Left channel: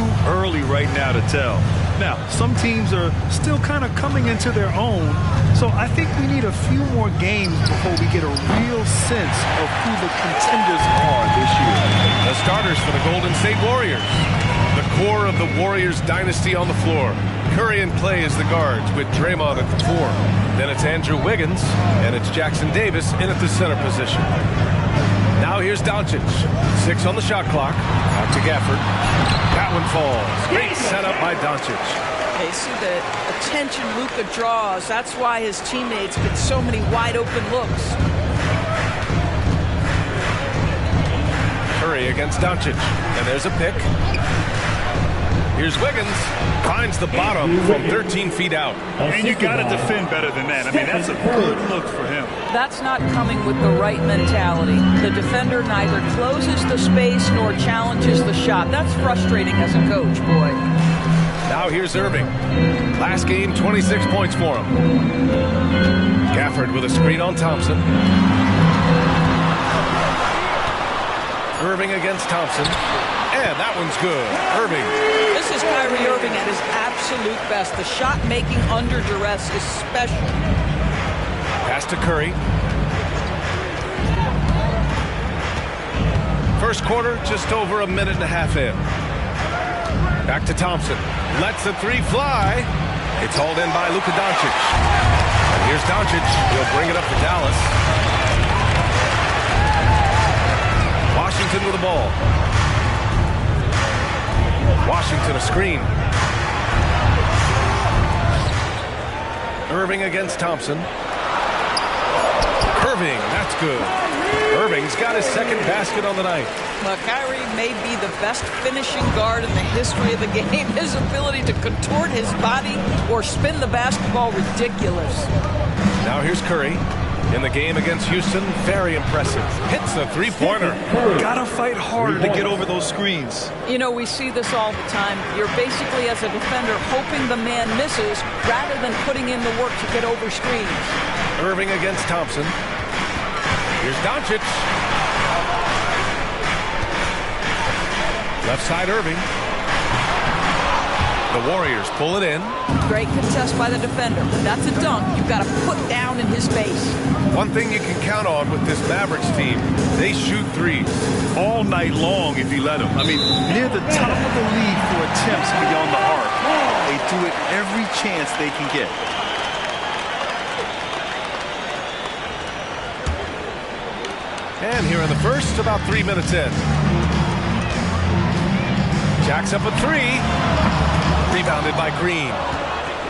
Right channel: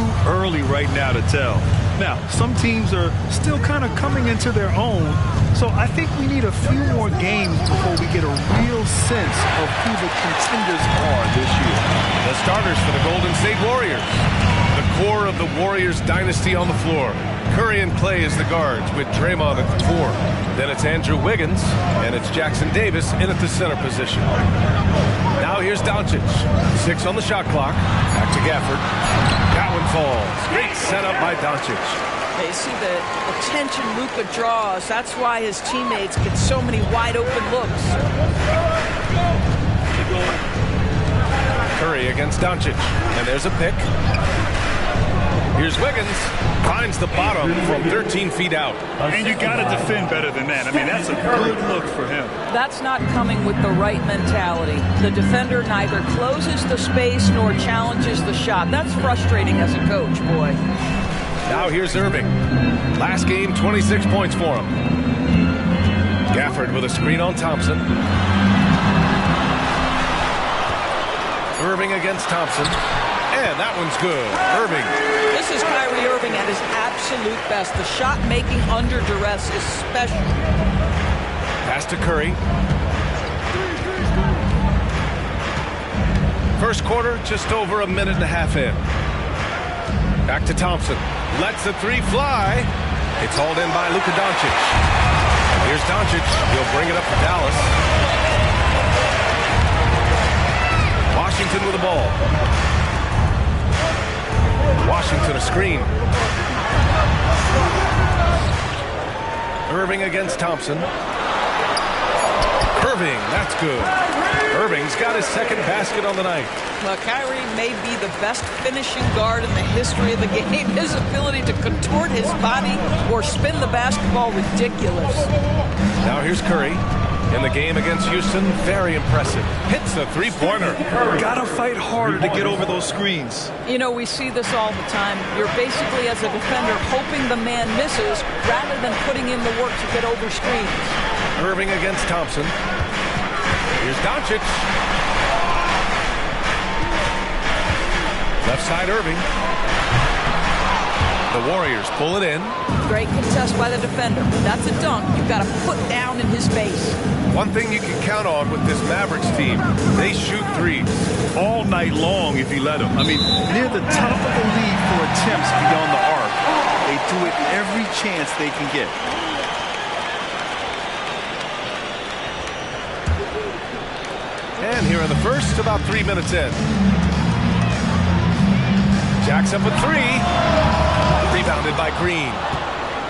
too early right now to tell. Now, some teams are still kind of coming into their own, so I think we need a few more games before we get a real sense of who the contenders are this year. The starters for the Golden State Warriors. The core of the Warriors dynasty on the floor. Curry and Clay as the guards with Draymond at the 4. Then it's Andrew Wiggins, and it's Jackson Davis in at the center position. Now here's Doncic. 6 on the shot clock. Back to Gafford. That one falls. Great setup by Doncic. You see the attention Luka draws. That's why his teammates get so many wide open looks. Curry against Doncic. And there's a pick. Here's Wiggins. Finds the bottom from 13 feet out. And you got to defend better than that. I mean, that's a good look for him. That's not coming with the right mentality. The defender neither closes the space nor challenges the shot. That's frustrating as a coach, boy. Now here's Irving. Last game, 26 points for him. Gafford with a screen on Thompson. Irving against Thompson. And that one's good. Irving. This is Kyrie Irving at his absolute best. The shot making under duress is special. Pass to Curry. First quarter, just over a minute and a half in. Back to Thompson. Lets the 3 fly. It's hauled in by Luka Doncic. And here's Doncic. He'll bring it up for Dallas. Washington with the ball. Washington a screen. Irving against Thompson. Irving, that's good. Irving's got his second basket on the night. Well, Kyrie may be the best finishing guard in the history of the game. His ability to contort his body or spin the basketball, ridiculous. Now here's Curry. In the game against Houston, very impressive. Hits a 3-pointer. Gotta fight harder to get over those screens. You know, we see this all the time. You're basically, as a defender, hoping the man misses rather than putting in the work to get over screens. Irving against Thompson. Here's Doncic. Left side Irving. The Warriors pull it in. Great contest by the defender, but that's a dunk you've got to put down in his face. One thing you can count on with this Mavericks team, they shoot threes. All night long if you let them. I mean, near the top of the league for attempts beyond the arc. They do it every chance they can get. And here in the first, about 3 minutes in. Jacks up a 3. Rebounded by Green.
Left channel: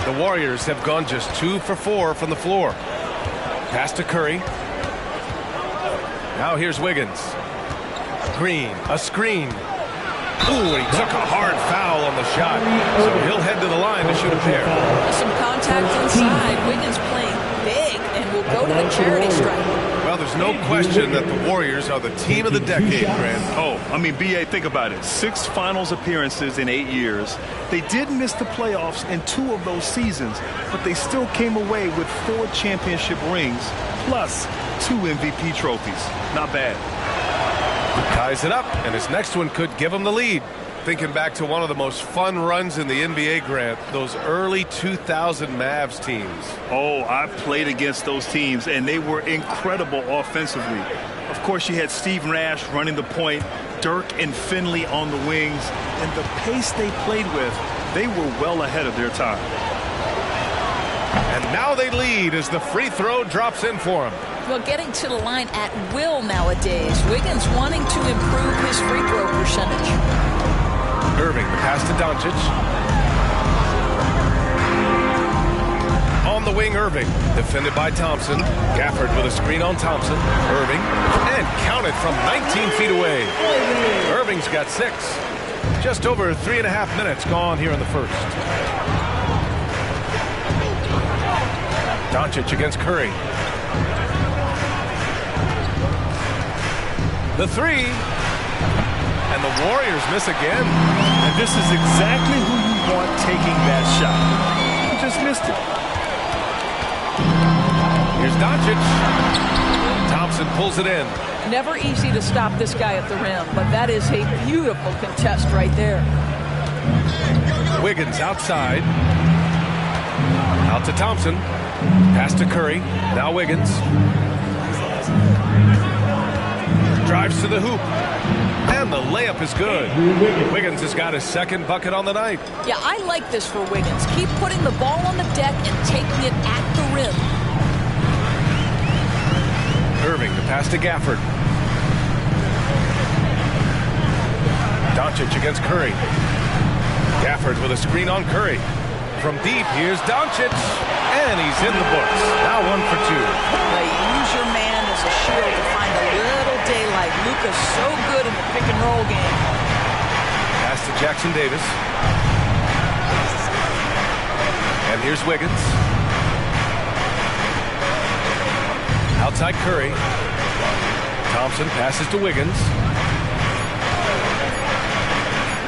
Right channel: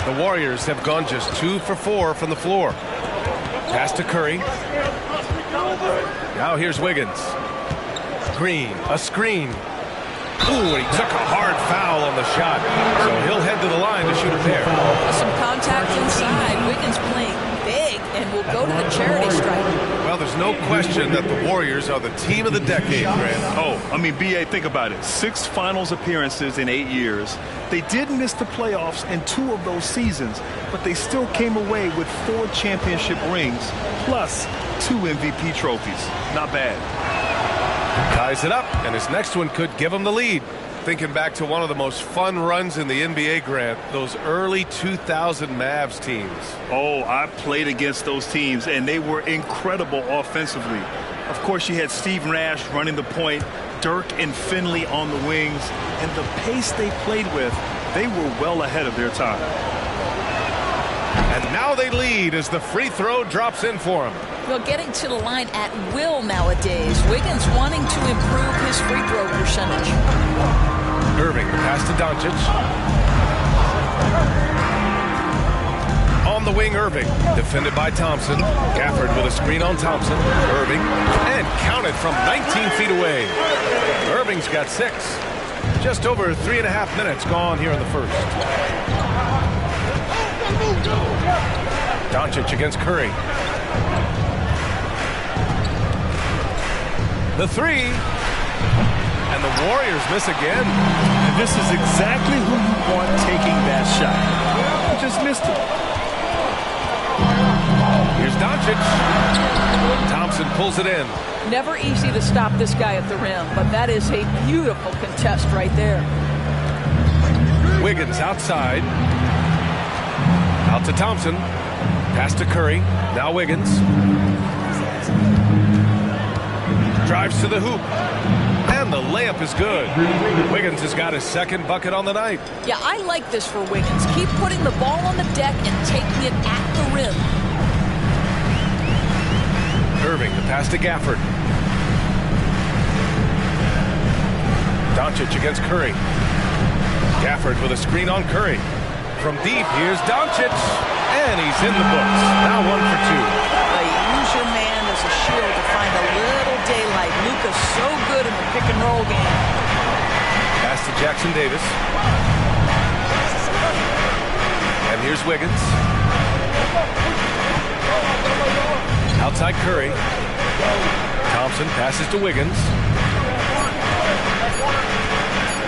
The Warriors have gone just 2 for 4 from the floor. Pass to Curry. Now here's Wiggins. Green, a screen. Ooh, and he took a hard foul on the shot. So he'll head to the line to shoot a pair. Some contact inside. Wiggins playing big and will go to the charity stripe. Well, there's no question that the Warriors are the team of the decade, Grant. Oh, I mean, B.A., think about it. 6 finals appearances in 8 years. They did miss the playoffs in 2 of those seasons, but they still came away with 4 championship rings, plus 2 MVP trophies. Not bad. Ties it up, and his next one could give him the lead. Thinking back to one of the most fun runs in the NBA, Grant, those early 2000 Mavs teams. Oh, I played against those teams, and they were incredible offensively. Of course, you had Steve Nash running the point, Dirk and Finley on the wings, and the pace they played with, they were well ahead of their time. And now they lead as the free throw drops in for him. Well, getting to the line at will nowadays. Wiggins wanting to improve his free throw percentage. Irving, the pass to Doncic. On the wing, Irving. Defended by Thompson. Gafford with a screen on Thompson. Irving. And counted from 19 feet away. Irving's got 6. Just over 3.5 minutes gone here in the first. Doncic against Curry. The 3. And the Warriors miss again. And this is exactly who you want taking that shot. You just missed it. Here's Doncic. Thompson pulls it in. Never easy to stop this guy at the rim, but that is a beautiful contest right there. Wiggins outside. Out to Thompson. Pass to Curry. Now Wiggins. Drives to the hoop. And the layup is good. Wiggins has got his second bucket on the night. Yeah, I like this for Wiggins. Keep putting the ball on the deck and taking it at the rim. Irving to pass to Gafford. Doncic against Curry. Gafford with a screen on Curry. From deep, here's Doncic. And he's in the books. Now 1 for 2. Use your man as a shield to find a little daylight. Luka's so good in the pick and roll game. Pass to Jackson Davis. And here's Wiggins. Outside Curry. Thompson passes to Wiggins.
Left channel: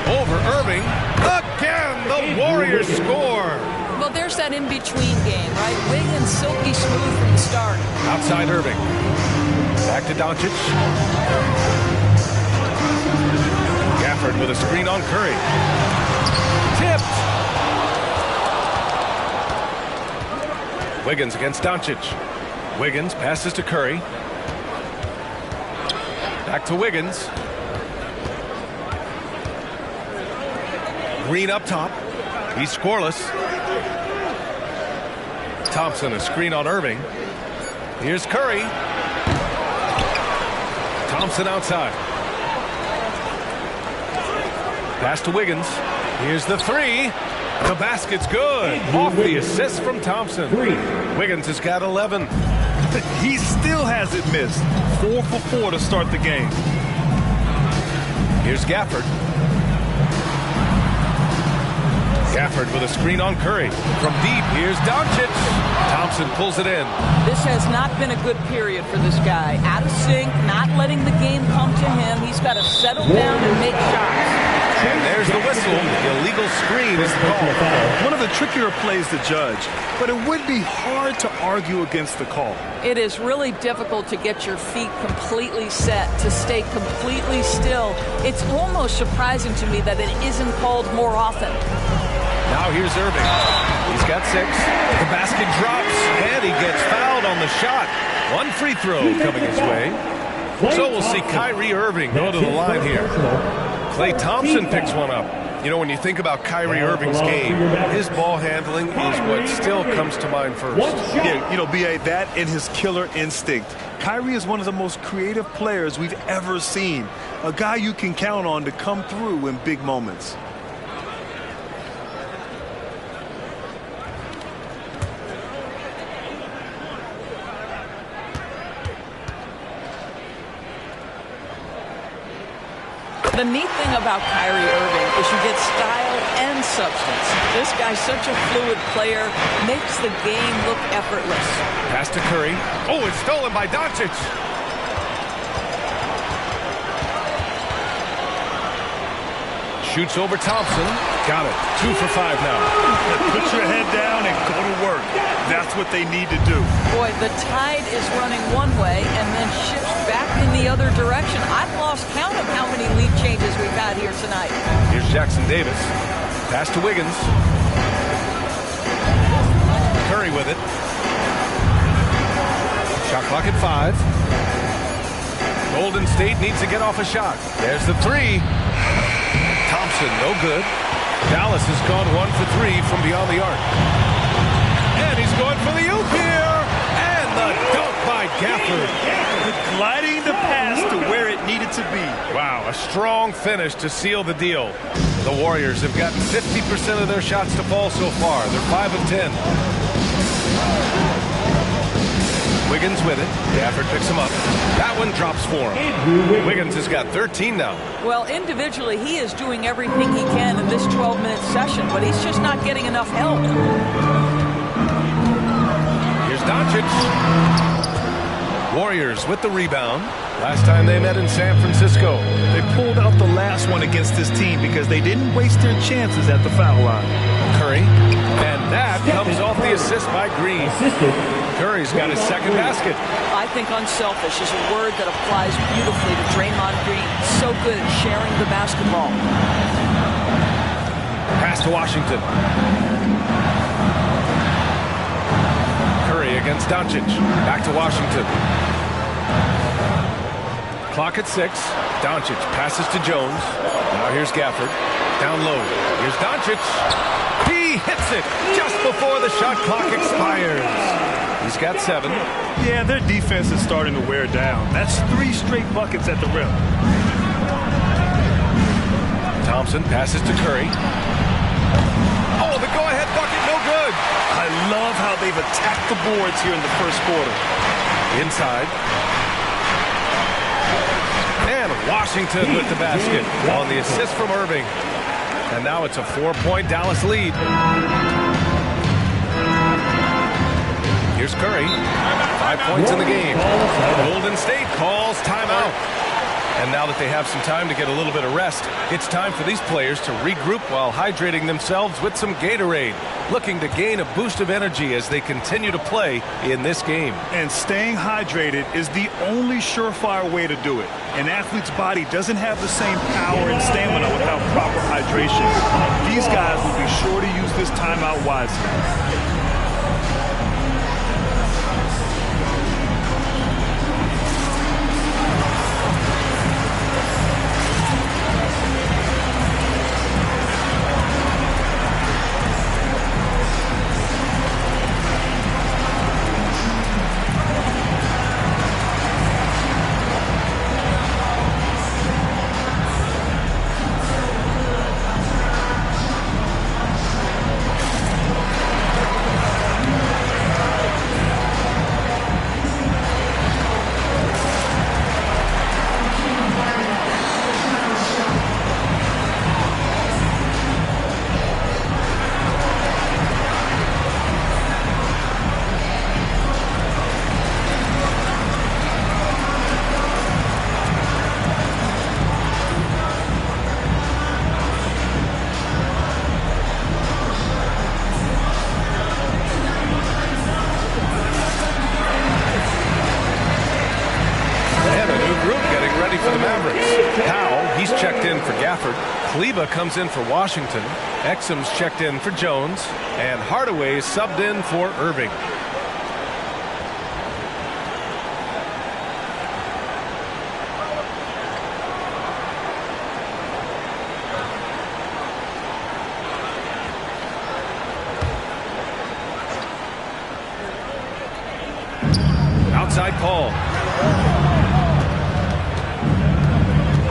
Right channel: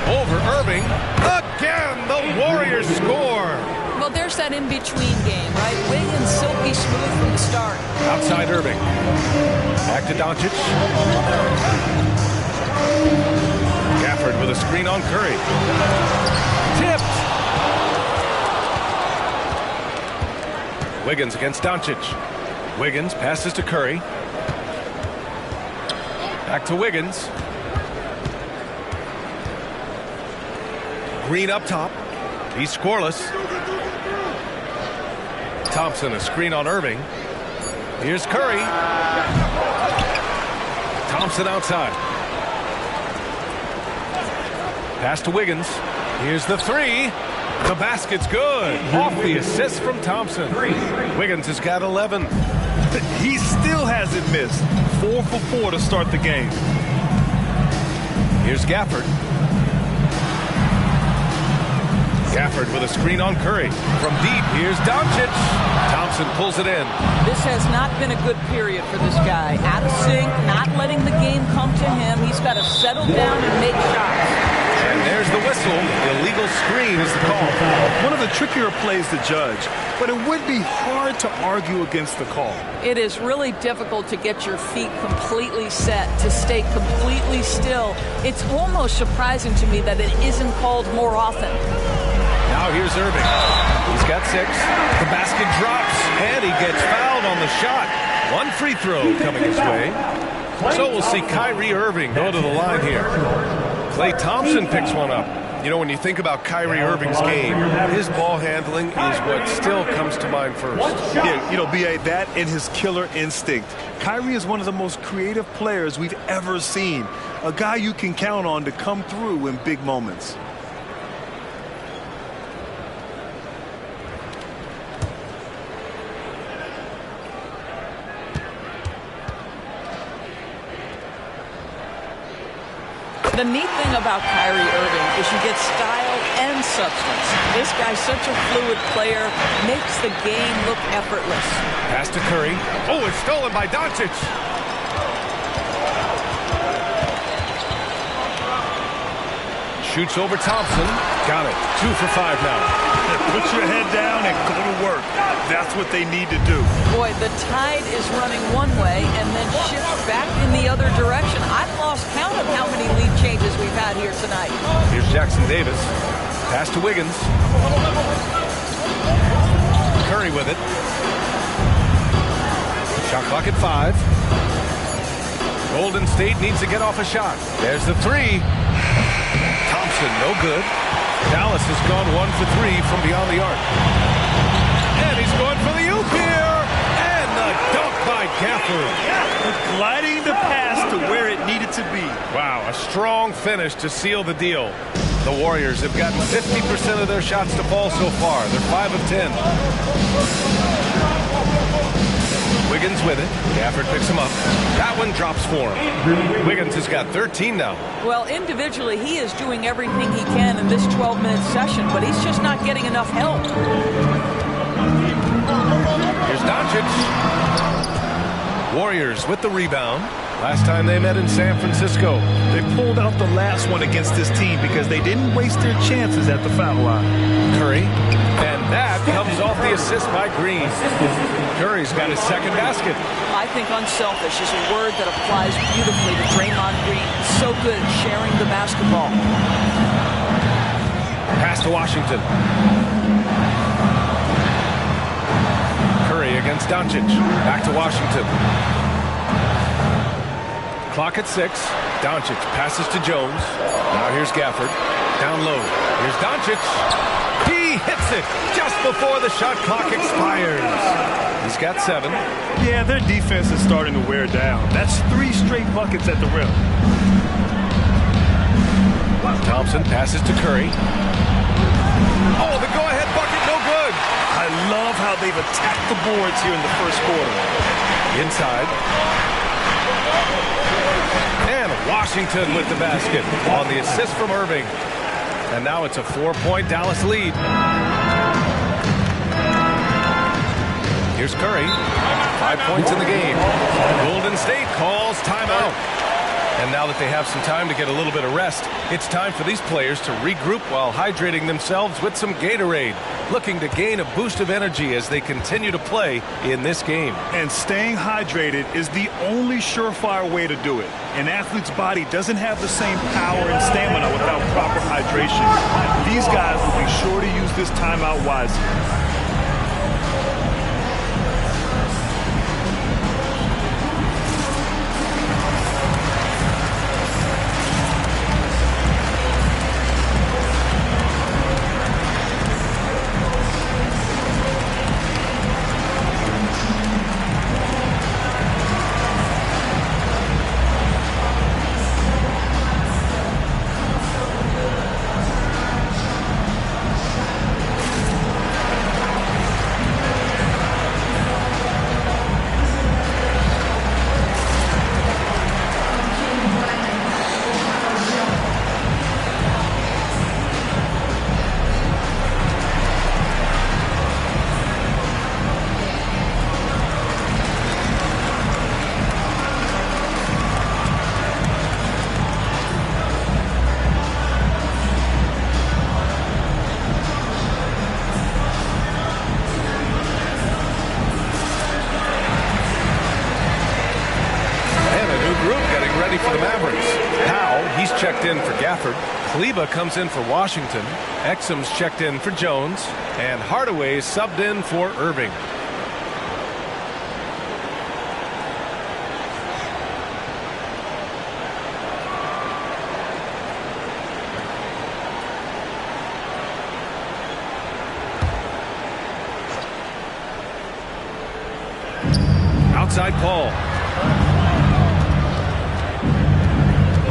Over Irving. Again, the Warriors score. Well, there's that in-between game, right? Wiggins silky smooth from the start. Outside Irving. Back to Doncic. Gafford with a screen on Curry. Tipped. Wiggins against Doncic. Wiggins passes to Curry. Back to Wiggins. Green up top. He's scoreless. Thompson, a screen on Irving. Here's Curry. Thompson outside. Pass to Wiggins. Here's the three. The basket's good. Off the assist from Thompson. Wiggins has got 11. He still hasn't missed. 4 for 4 to start the game. Here's Gafford. Gafford with a screen on Curry. From deep, here's Doncic. Thompson pulls it in. This has not been a good period for this guy. Out of sync, not letting the game come to him. He's got to settle down and make shots. And there's the whistle. Illegal screen is the call. One of the trickier plays to judge, but it would be hard to argue against the call. It is really difficult to get your feet completely set, to stay completely still. It's almost surprising to me that it isn't called more often. Now here's Irving. He's got 6. The basket drops, and he gets fouled on the shot. 1 free throw coming his way. So we'll see Kyrie Irving go to the line here. Klay Thompson picks one up. You know, when you think about Kyrie Irving's game, his ball handling is what still comes to mind first. Yeah, you know, B.A., that and his killer instinct. Kyrie is one of the most creative players we've ever seen. A guy you can count on to come through in big moments. The neat thing about Kyrie Irving is you get style and substance. This guy's such a fluid player, makes the game look effortless. Pass to Curry. Oh, it's stolen by Doncic. Shoots over Thompson. Got it. 2 for 5 now. Put your head down and go to work. That's what they need to do. Boy, the tide is running one way and then shifts back in the other direction. I've lost count of how many lead changes we've had here tonight. Here's Jackson Davis. Pass to Wiggins. Curry with it. Shot clock at 5. Golden State needs to get off a shot. There's the 3. Thompson, no good. Dallas has gone 1 for 3 from beyond the arc. And he's going for the oop here. And the dunk by Gafford. Gliding the pass to where it needed to be. Wow, a strong finish to seal the deal. The Warriors have gotten 50% of their shots to fall so far. They're 5 of 10. Wiggins with it. Gafford picks him up. That one drops for him. Wiggins has got 13 now. Well, individually, he is doing everything he can in this 12-minute session, but he's just not getting enough help. Here's Doncic. Warriors with the rebound. Last time they met in San Francisco. They pulled out the last one against this team because they didn't waste their chances at the foul line. Curry. And that comes off the assist by Green. Curry's got his second basket. I think unselfish is a word that applies beautifully to Draymond Green. So good at sharing the basketball. Pass to Washington. Curry against Doncic. Back to Washington. Clock at 6. Doncic passes to Jones. Now here's Gafford. Down low. Here's Doncic. He hits it just before the shot clock expires. He's got 7. Yeah, their defense is starting to wear down. That's 3 straight buckets at the rim. Thompson passes to Curry. Oh, the go-ahead bucket, no good. I love how they've attacked the boards here in the first quarter. Inside. And Washington with the basket on the assist from Irving. And now it's a 4-point Dallas lead. Here's Curry. 5 points in the game. Golden State calls timeout. And now that they have some time to get a little bit of rest, it's time for these players to regroup while hydrating themselves with some Gatorade, looking to gain a boost of energy as they continue to play in this game. And staying hydrated is the only surefire way to do it. An athlete's body doesn't have the same power and stamina without proper hydration. These guys will be sure to use this timeout wisely. For the Mavericks. Powell, he's checked in for Gafford. Kleber comes in for Washington. Exum's checked in for Jones. And Hardaway is subbed in for Irving. Outside Paul.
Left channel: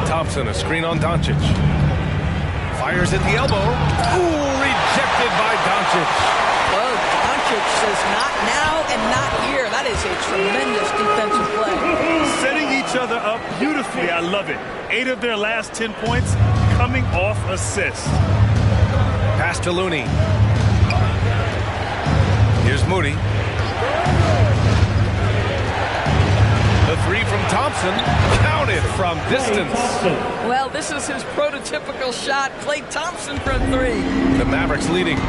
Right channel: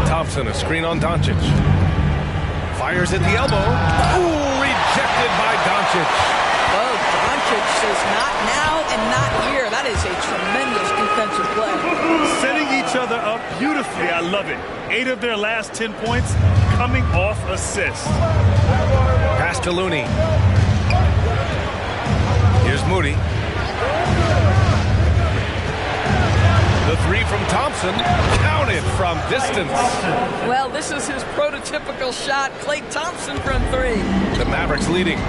Thompson, a screen on Doncic. Fires at the elbow. Ooh, rejected by Doncic. Oh, Doncic says not now and not here. That is a tremendous defensive play. Setting each other up beautifully. I love it. 8 of their last 10 points coming off assists. Pass to Looney. Here's Moody. The 3 from Thompson, counted from distance. Well, this is his prototypical shot. Klay Thompson from 3. The Mavericks leading. 2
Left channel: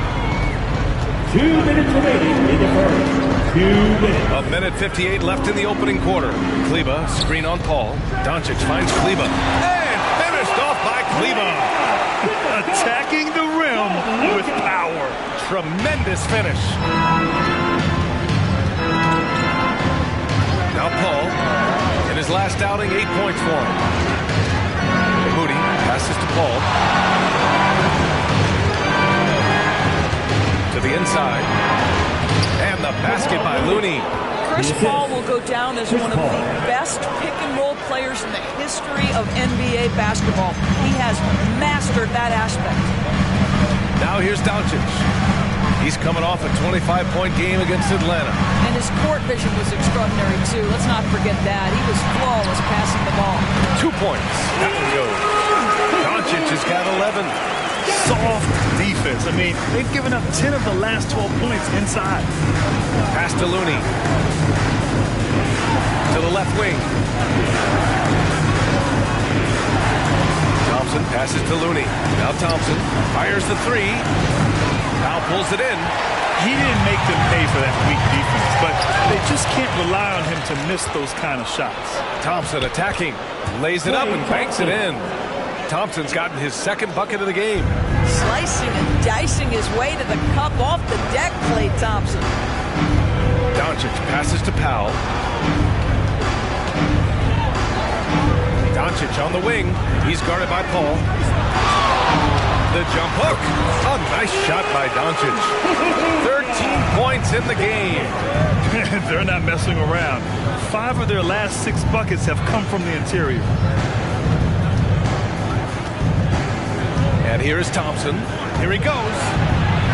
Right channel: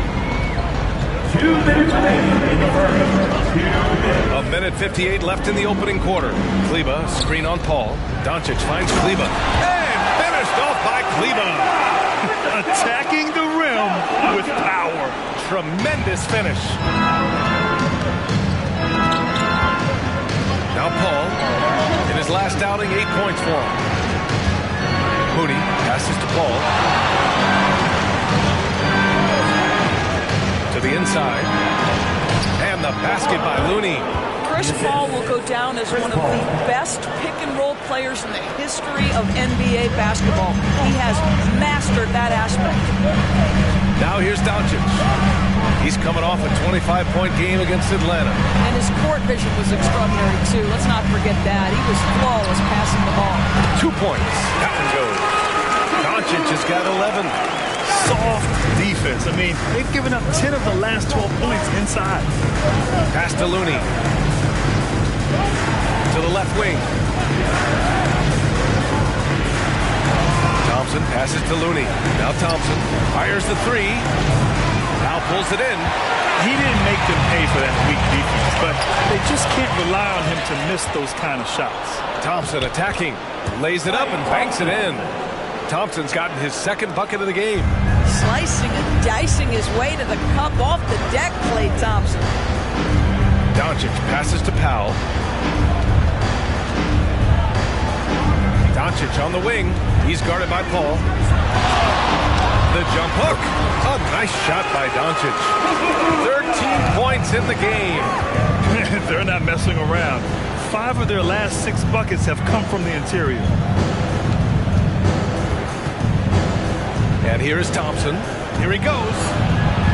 minutes remaining in the first. 2 minutes. A minute 58 left in the opening quarter. Kleber, screen on Paul. Doncic finds Kleber. And finished off by Kleber. Attacking the rim with power. Tremendous finish. Now Paul, in his last outing, 8 points for him. Moody passes to Paul. To the inside. And the basket by Looney. Chris Paul will go down as one of the best pick-and-roll players in the history of NBA basketball. He has mastered that aspect. Now here's Doncic. He's coming off a 25-point game against Atlanta. And his court vision was extraordinary, too. Let's not forget that. He was flawless passing the ball. 2 points. That one goes. Doncic has got 11. Soft defense. I mean, they've given up 10 of the last 12 points inside. Pass to Looney. To the left wing. Thompson passes to Looney. Now Thompson fires the 3. Now pulls it in. He didn't make them pay for that weak defense, but they just can't rely on him to miss those kind of shots. Thompson attacking. Lays it up and banks it in. Thompson's gotten his second bucket of the game. Slicing and dicing his way to the cup off the deck, Klay Thompson. Doncic passes to Powell. Doncic on the wing. He's guarded by Paul. The jump hook. A nice shot by Doncic. 13 points in the game. They're not messing around. 5 of their last 6 buckets have come from the interior. And here is Thompson. Here he goes.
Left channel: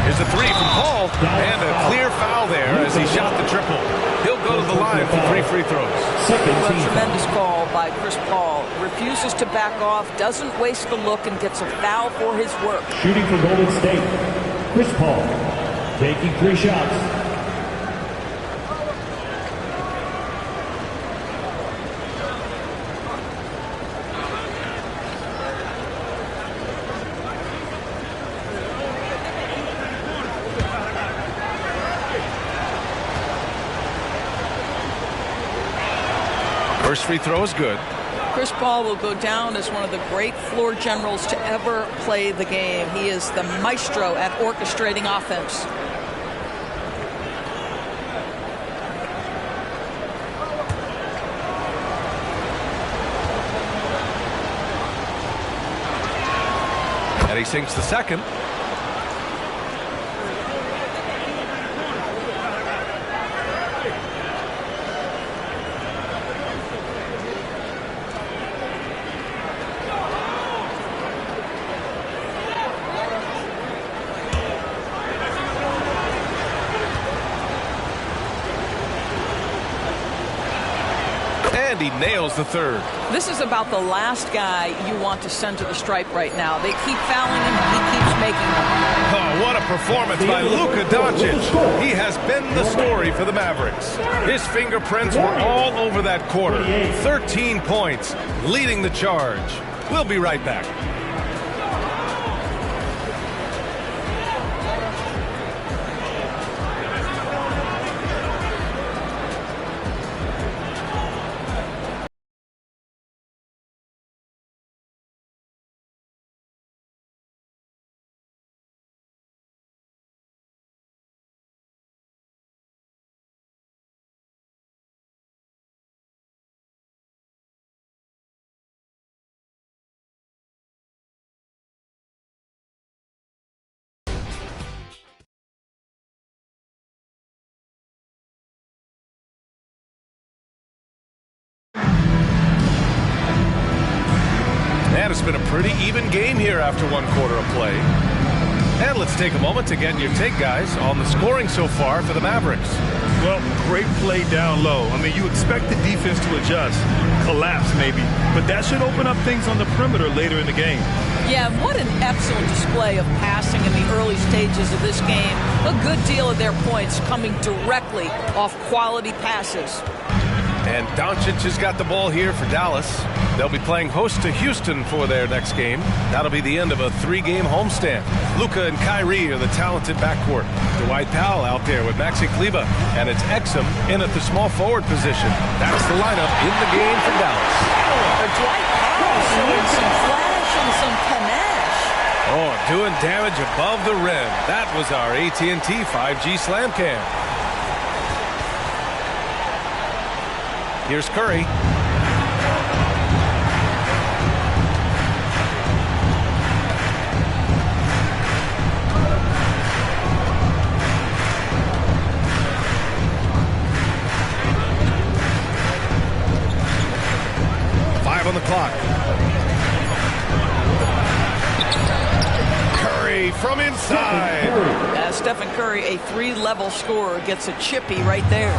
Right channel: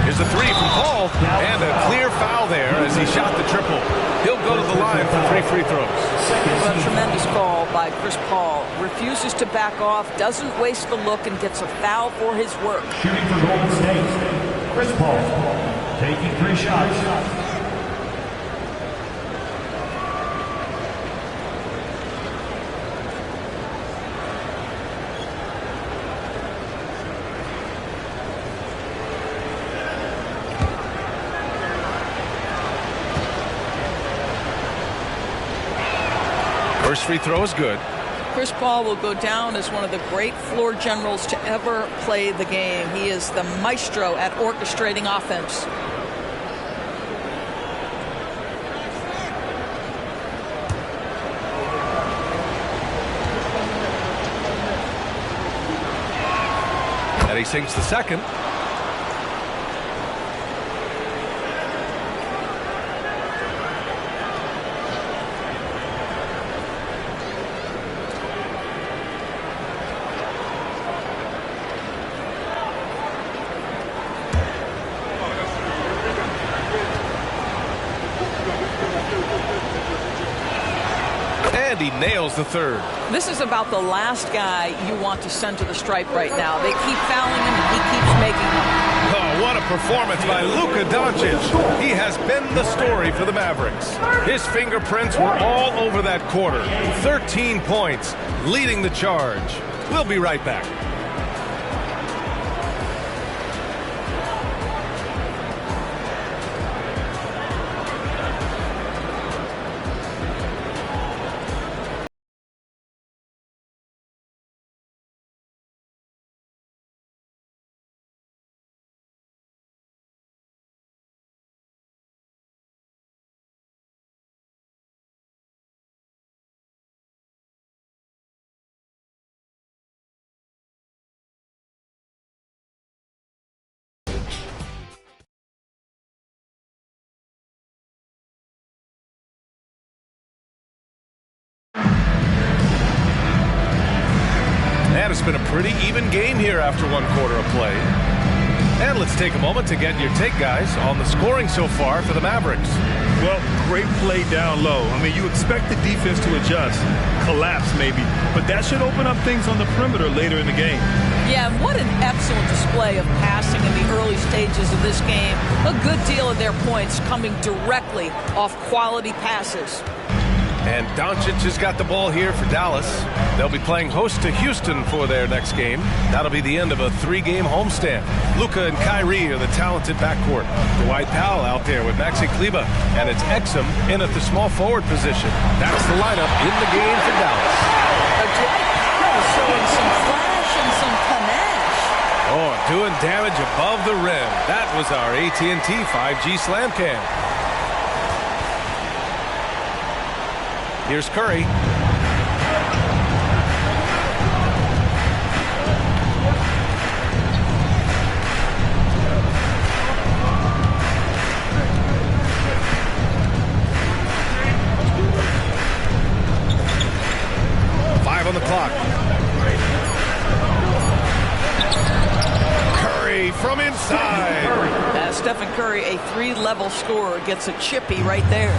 Here's a 3 from Paul. And a clear foul there as he shot the triple. He'll go to the line for 3 free throws. A tremendous call by Chris Paul. Refuses to back off, doesn't waste the look, and gets a foul for his work. Shooting for Golden State, Chris Paul, taking 3 shots. First free throw is good. Chris Paul will go down as one of the great floor generals to ever play the game. He is the maestro at orchestrating offense. And he sinks the second. And he nails the third. This is about the last guy you want to send to the stripe right now. They keep fouling him, and he keeps making them. Oh, what a performance by Luka Doncic. He has been the story for the Mavericks. His fingerprints were all over that quarter. 13 points, leading the charge. We'll be right back. And it's been a pretty even game here after 1 quarter of play. And let's take a moment to get your take, guys, on the scoring so far for the Mavericks. Well, great play down low. I mean, you expect the defense to adjust, collapse maybe, but that should open up things on the perimeter later in the game. Yeah, and what an excellent display of passing in the early stages of this game. A good deal of their points coming directly off quality passes. And Doncic has got the ball here for Dallas. They'll be playing host to Houston for their next game. That'll be the end of a 3-game homestand. Luka and Kyrie are the talented backcourt. Dwight Powell out there with Maxi Kleber, and it's Exum in at the small forward position. That's the lineup in the game for Dallas. Dwight Powell showing some flash and some panache. Oh, doing damage above the rim. That was our AT&T 5G Slam Cam. Here's Curry. On the clock. Curry from inside. Stephen Curry, a 3-level scorer, gets a chippy right there.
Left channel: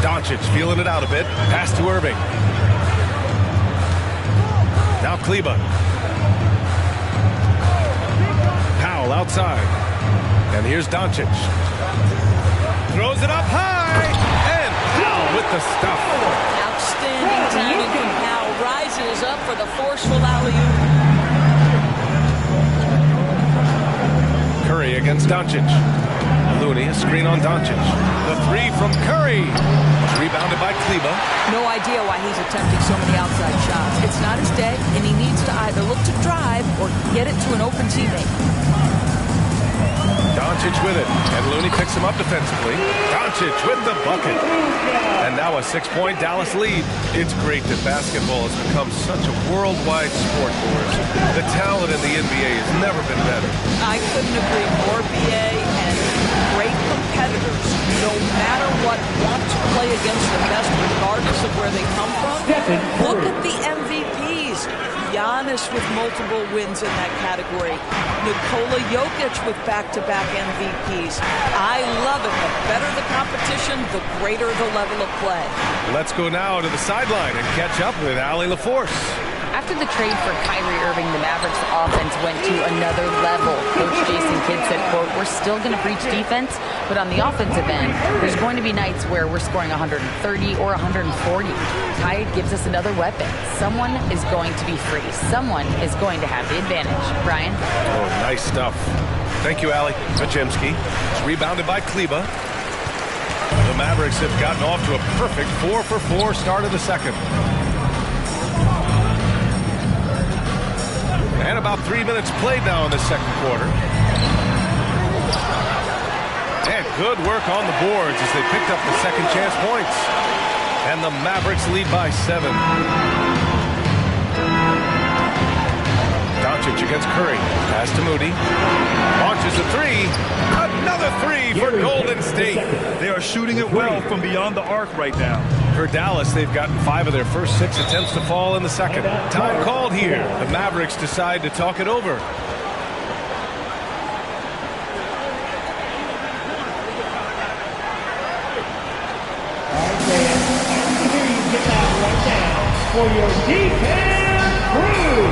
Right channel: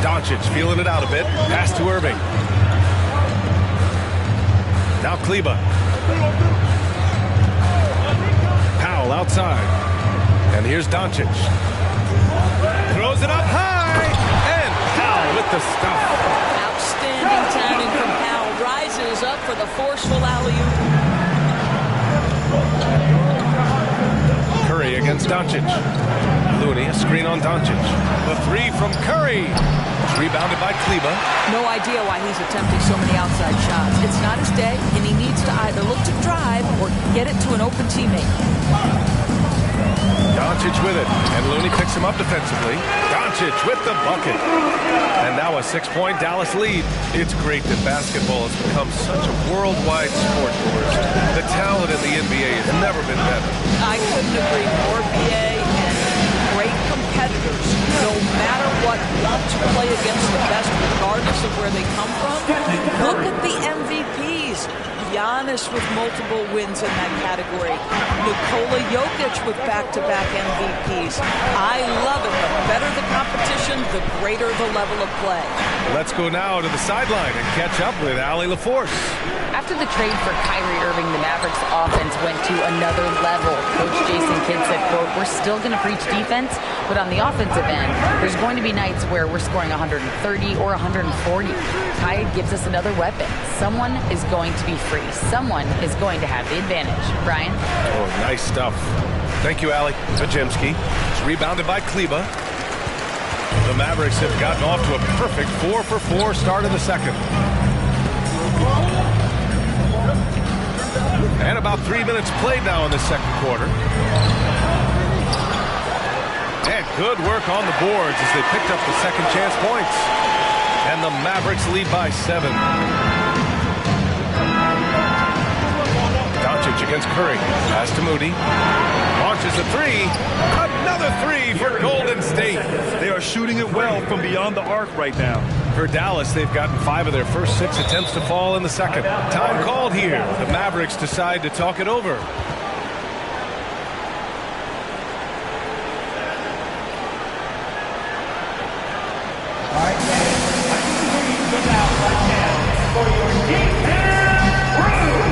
Doncic feeling it out a bit. Pass to Irving. Now Kleber. Powell outside. And here's Doncic. Throws it up high. And Powell with the stuff. Outstanding timing from Powell. Rises up for the forceful alley-oop. Curry against Doncic. Looney, a screen on Doncic. The three from Curry. It's rebounded by Kleba. No idea why he's attempting so many outside shots. It's not his day, and he needs to either look to drive or get it to an open teammate. Doncic with it, and Looney picks him up defensively. Doncic with the bucket. And now a 6-point Dallas lead. It's great that basketball has become such a worldwide sport, Doris. The talent in the NBA has never been better. I couldn't agree more, BA, and great competitors, no matter what, want to play against the best regardless of where they come from. Look at the MVPs. Giannis with multiple wins in that category. Nikola Jokic with back-to-back MVPs. I love it. The better the competition, the greater the level of play. Let's go now to the sideline and catch up with Allie LaForce. After the trade for Kyrie Irving, the Mavericks offense went to another level. Coach Jason Kidd said, quote, "We're still going to preach defense, but on the offensive end, there's going to be nights where we're scoring 130 or 140. Kidd gives us another weapon. Someone is going to be free. Someone is going to have the advantage." Brian? Oh, nice stuff. Thank you, Allie. Pajemski. It's rebounded by Kleba. The Mavericks have gotten off to a perfect 4-for-4 start in the second. And about 3 minutes played now in the second quarter. And good work on the boards as they picked up the second chance points. And the Mavericks lead by 7. Doncic against Curry. Pass to Moody. Launches a three. Another three for Golden State. They are shooting it well from beyond the arc right now. For Dallas, they've gotten 5 of their first 6 attempts to fall in the second. Time called here. The Mavericks decide to talk it over. All right, then. I need to hear you get out right now for your defense crew.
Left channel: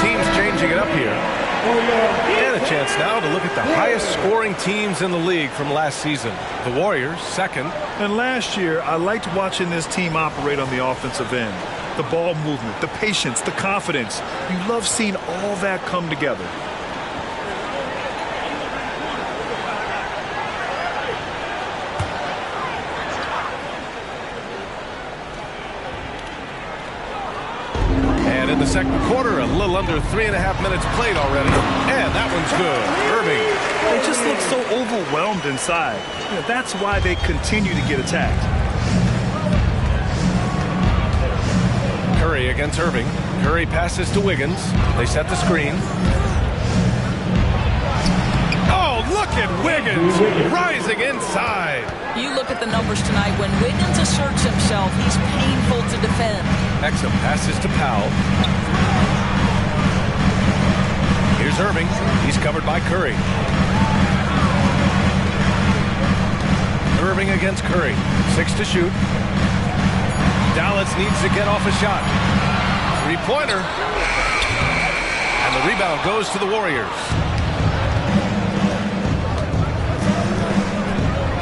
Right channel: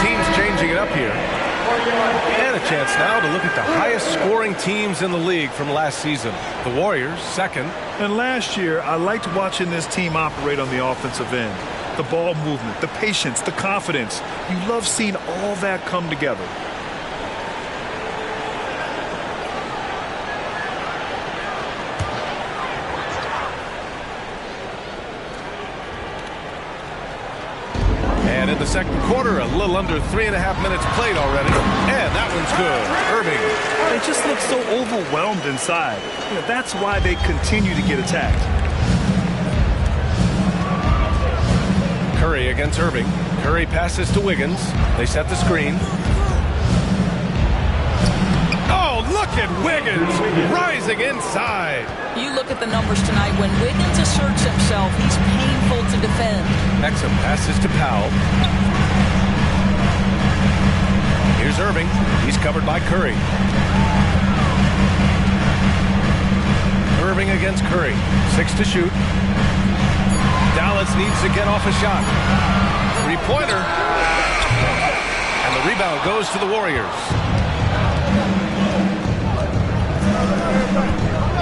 Teams changing it up here. And a chance now to look at the highest scoring teams in the league from last season. The Warriors, second. And last year, I liked watching this team operate on the offensive end. The ball movement, the patience, the confidence. You love seeing all that come together. And in the second quarter, a little under 3.5 minutes played already. And that one's good. Irving. They just look so overwhelmed inside. You know, that's why they continue to get attacked. Curry against Irving. Curry passes to Wiggins. They set the screen. Oh, look at Wiggins rising inside. You look at the numbers tonight. When Wiggins asserts himself, he's painful to defend. Exum passes to Powell. Here's Irving. He's covered by Curry. Irving against Curry. 6 to shoot. Dallas needs to get off a shot. Three-pointer. And the rebound goes to the Warriors.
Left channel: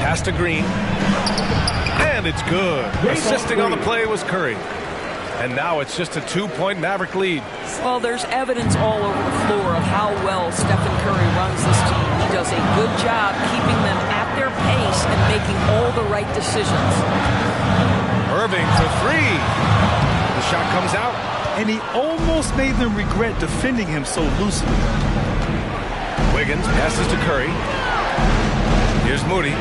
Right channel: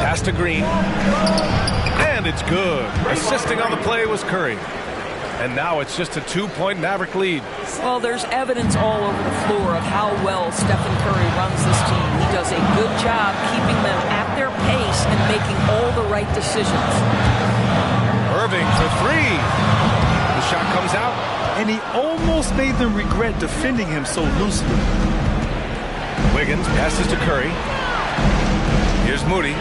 Pass to Green. And it's good. Assisting on the play was Curry. And now it's just a 2-point Maverick lead. Well, there's evidence all over the floor of how well Stephen Curry runs this team. He does a good job keeping them at their pace and making all the right decisions. Irving for 3. The shot comes out. and he almost made them regret defending him so loosely. Wiggins passes to Curry. Here's Moody.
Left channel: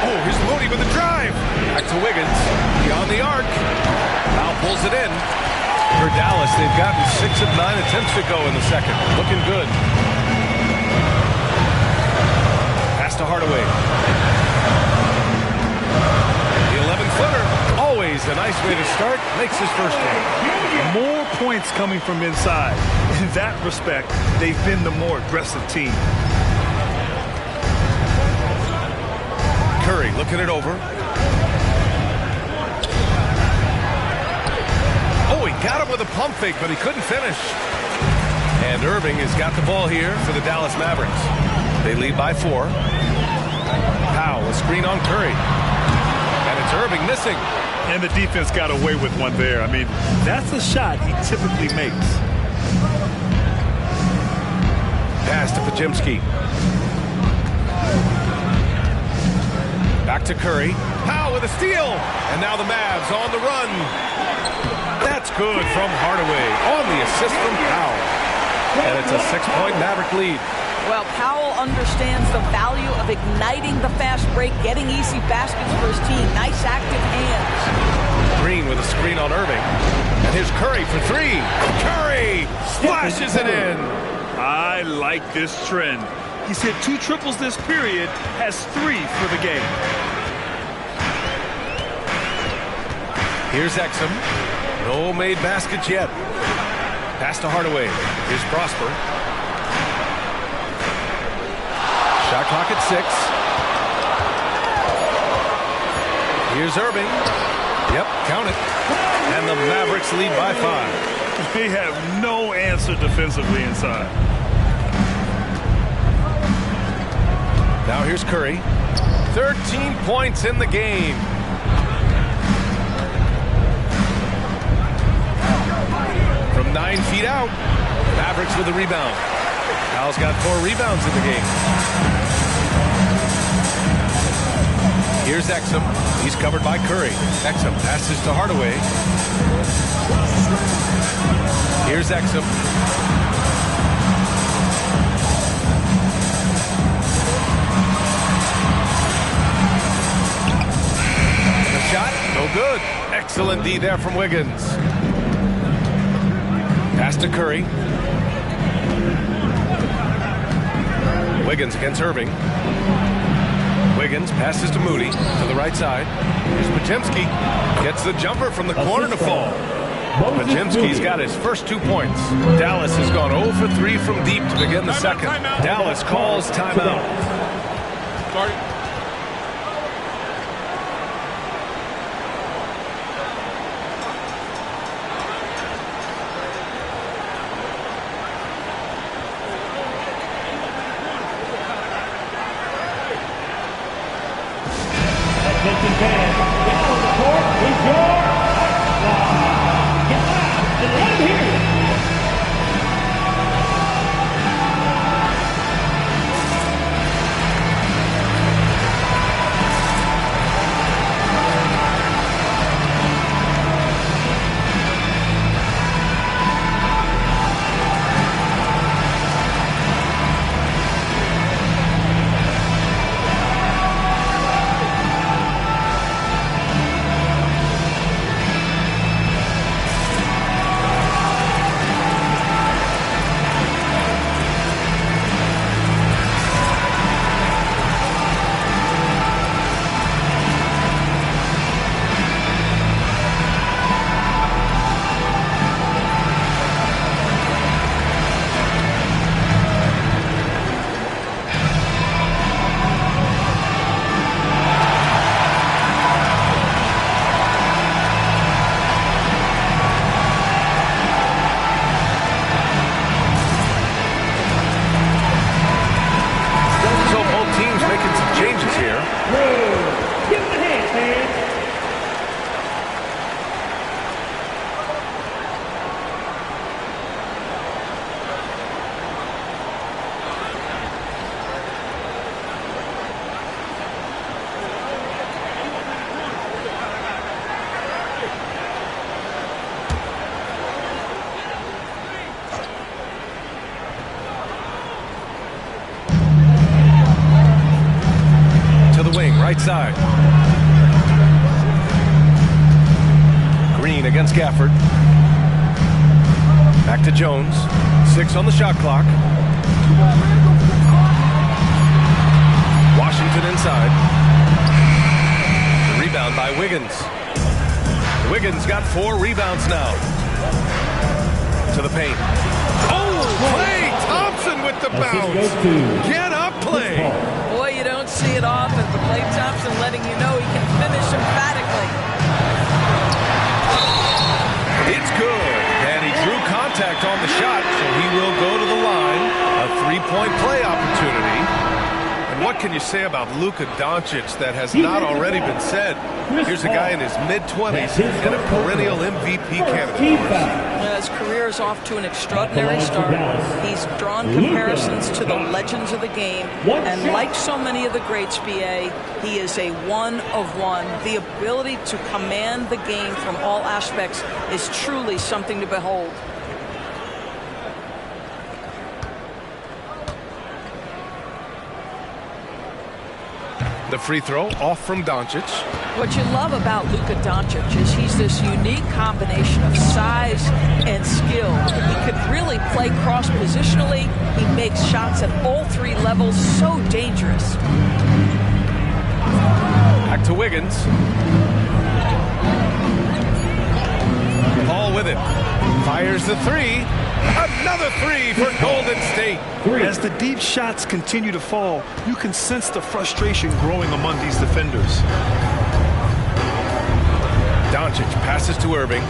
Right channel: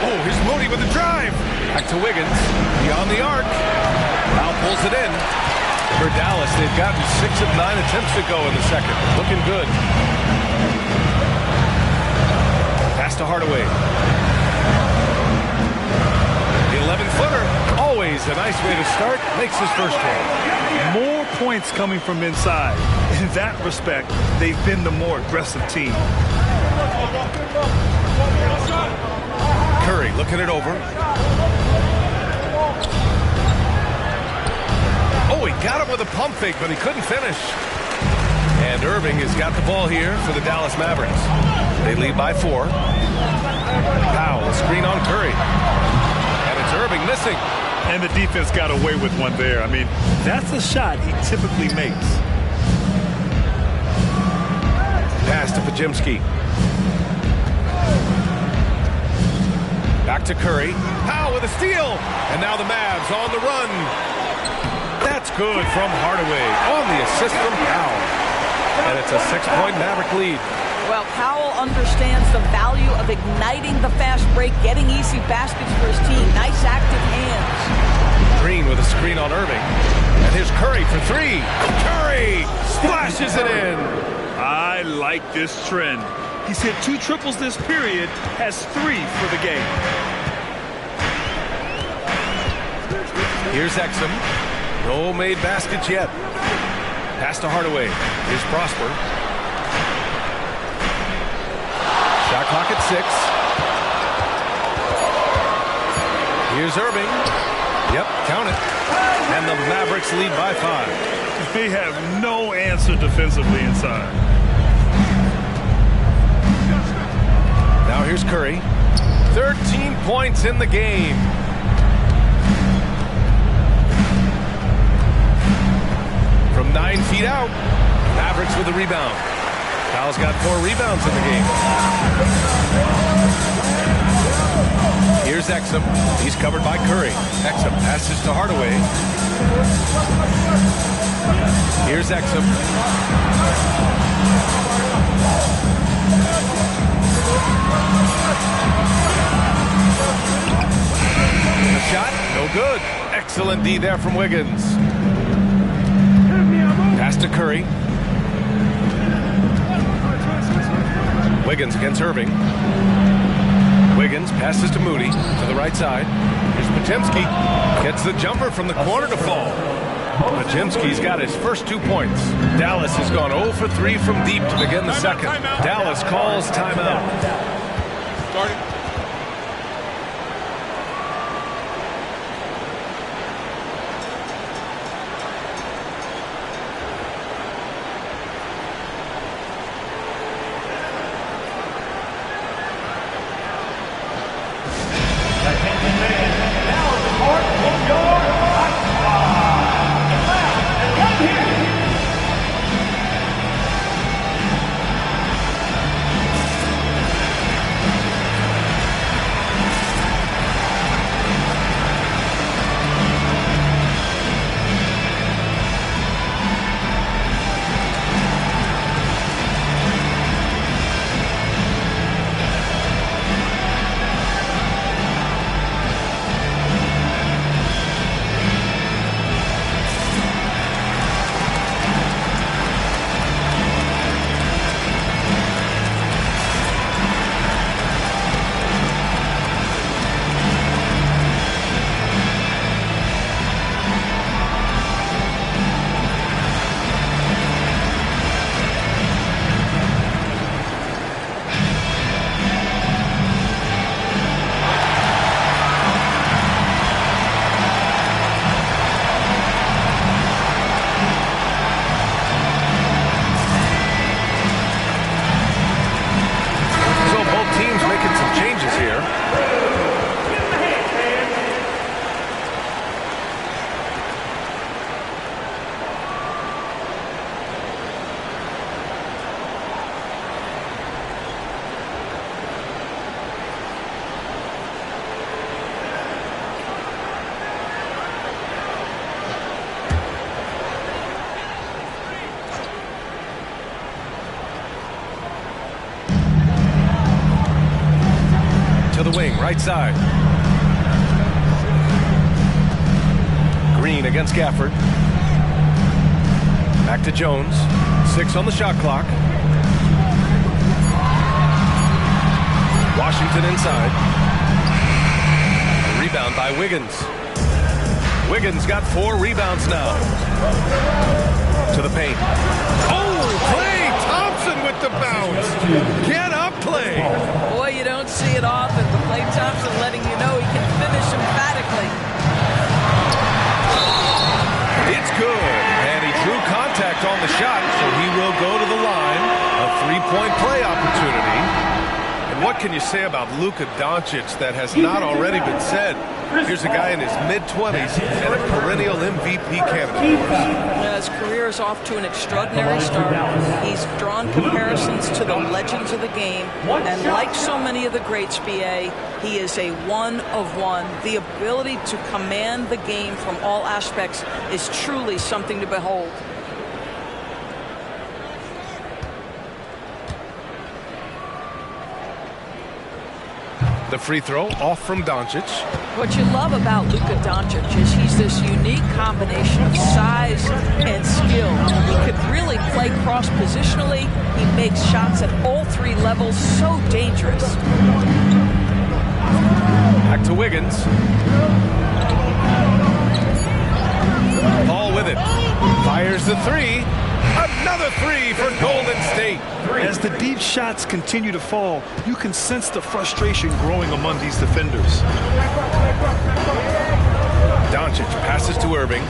Oh, here's Moody with a drive. Back to Wiggins. Beyond the arc. Now pulls it in. For Dallas, they've gotten 6 of 9 attempts to go in the second. Looking good. Pass to Hardaway. The 11-footer. Always a nice way to start. Makes his first one. More points coming from inside. In that respect, they've been the more aggressive team. Curry looking it over. Oh, he got him with a pump fake, but he couldn't finish. And Irving has got the ball here for the Dallas Mavericks. They lead by 4. Powell, a screen on Curry. And it's Irving missing. And the defense got away with one there. I mean, that's a shot he typically makes. Pass to Podziemski. Back to Curry. Powell with a steal. And now the Mavs on the run. That's good from Hardaway on the assist from Powell. And it's a 6-point Maverick lead. Well, Powell understands the value of igniting the fast break, getting easy baskets for his team. Nice active hands. Green with a screen on Irving. And here's Curry for 3. Curry splashes it in. I like this trend. He's hit 2 triples this period, has 3 for the game. Here's Exum. No made baskets yet. Pass to Hardaway. Here's Prosper. Shot clock at 6. Here's Irving. Yep, count it. And the Mavericks lead by 5. They have no answer defensively inside. Now here's Curry. 13 points in the game. From 9 feet out, Mavericks with the rebound. Powell's got 4 rebounds in the game. Here's Exum. He's covered by Curry. Exum passes to Hardaway. Here's Exum. The shot, no good. Excellent D there from Wiggins. Pass to Curry. Wiggins against Irving. Wiggins passes to Moody to the right side. Here's Podziemski. Gets the jumper from the corner to fall. Podziemski's got his first 2 points. Dallas has gone 0 for 3 from deep to begin the second. Dallas calls timeout. Start it. Attention fans, now on the court is your Ice Squad. Get loud and right here. Right side. Green against Gafford. Back to Jones. 6 on the shot clock. Washington inside. The rebound by Wiggins. Wiggins got 4 rebounds now. To the paint. Oh, Klay Thompson with the bounce. Get up, Klay. Boy, you don't see it often, but Klay Thompson letting you know he can finish emphatically. It's good. And he drew contact on the shot, so he will go to the line. A 3-point play opportunity. And what can you say about Luka Doncic that has not already been said? Here's a guy in his mid-20s and a perennial MVP candidate for us. His career is off to an extraordinary start. He's drawn comparisons to the legends of the game. And like so many of the greats, BA, he is a one of one. The ability to command the game from all aspects is truly something to behold. The free throw off from Doncic. What you love about Luka Doncic is he's this unique combination of size and skill. He could really play cross-positionally. He makes shots at all 3 levels. So dangerous. Back to Wiggins. Paul with it. Fires the 3. Another 3 for Golden State. As the deep shots continue to fall, you can sense the frustration growing among these defenders. Doncic passes to Irving.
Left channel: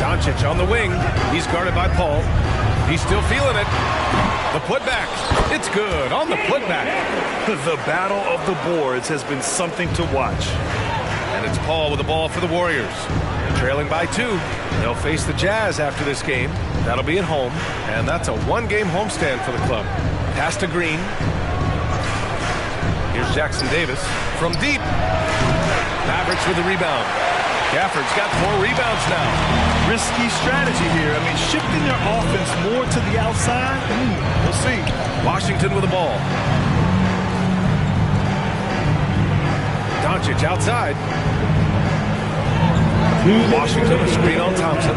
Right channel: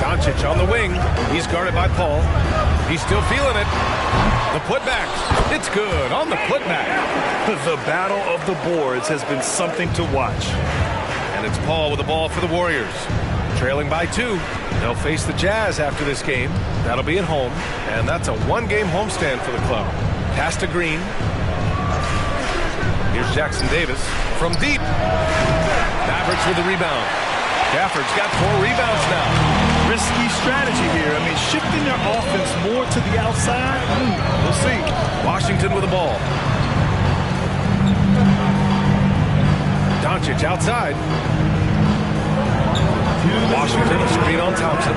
Doncic on the wing. He's guarded by Paul. He's still feeling it. The putback. It's good on the putback. The battle of the boards has been something to watch. And it's Paul with the ball for the Warriors. Trailing by 2. They'll face the Jazz after this game. That'll be at home. And that's a 1-game homestand for the club. Pass to Green. Here's Jackson Davis from deep. Mavericks with the rebound. Gafford's got 4 rebounds now. Risky strategy here. I mean, shifting their offense more to the outside. We'll see. Washington with the ball. Doncic outside. Washington, a screen on Thompson.